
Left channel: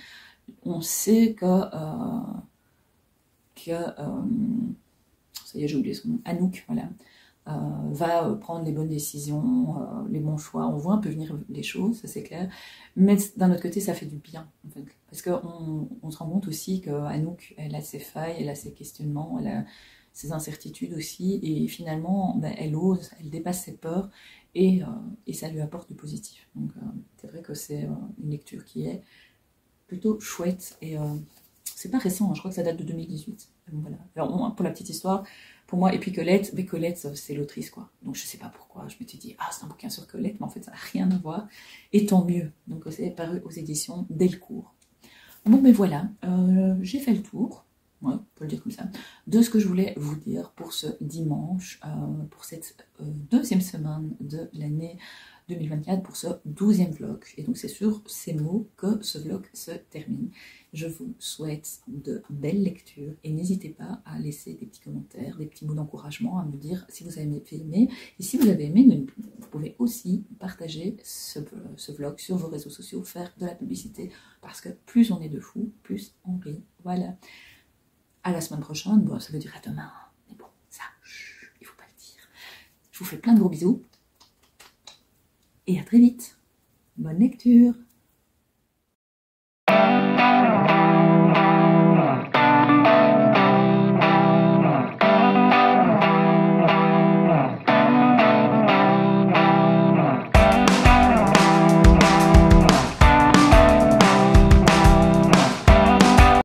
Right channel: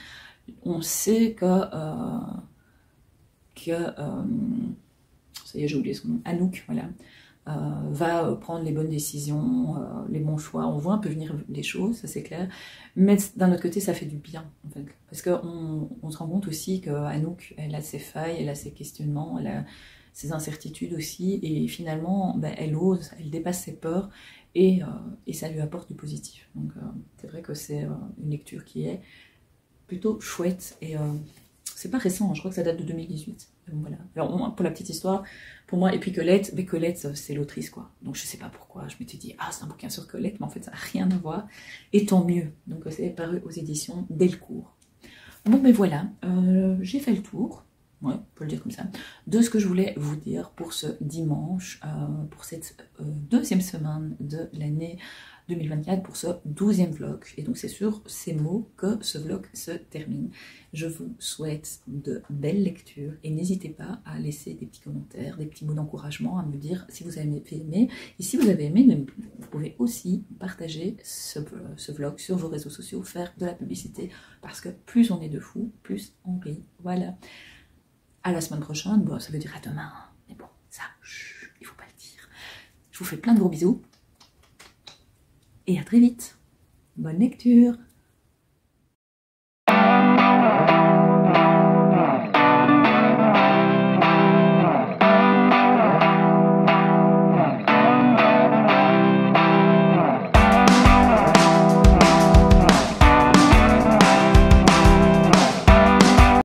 on sait que ça y est, j'ai oublié son nom, Anouk, voilà, va prendre les bonnes décisions, les bons choix. On voit un peu venir les choses, ça c'est clair, mais d'un autre côté ça fait du bien en fait, parce qu'on se rend compte aussi qu'Anouk, elle a ses failles, elle a ses questionnements, elle a ses incertitudes aussi, et finalement elle ose, elle dépasse ses peurs, et ça lui apporte du positif. Donc c'est vrai que c'est une lecture qui est plutôt chouette, et c'est pas récent, hein, je crois que ça date de 2018. Voilà. Alors pour la petite histoire, pour moi, et puis Colette, mais Colette, c'est l'autrice, quoi. Donc je sais pas pourquoi, je m'étais dit, c'est un bouquin sur Colette, mais en fait ça n'a rien à voir, et tant mieux. Donc c'est paru aux éditions Delcourt. Bon, mais voilà, j'ai fait le tour, ouais, on peut le dire comme ça, de ce que je voulais vous dire pour ce dimanche, pour cette deuxième semaine de l'année 2024, pour ce 12e vlog. Et donc c'est sur ces mots que ce vlog se termine. Je vous souhaite de belles lectures, et n'hésitez pas à laisser des petits commentaires, des petits mots d'encouragement, à me dire si vous avez aimé. Et si vous avez aimé, vous pouvez aussi partager ce vlog sur vos réseaux sociaux, faire de la publicité, parce que plus on est de fous, plus on rit. Voilà. À la semaine prochaine, bon, ça veut dire à demain, hein. Mais bon, ça, il ne faut pas le dire. Je vous fais plein de gros bisous, et à très vite. Bonne lecture.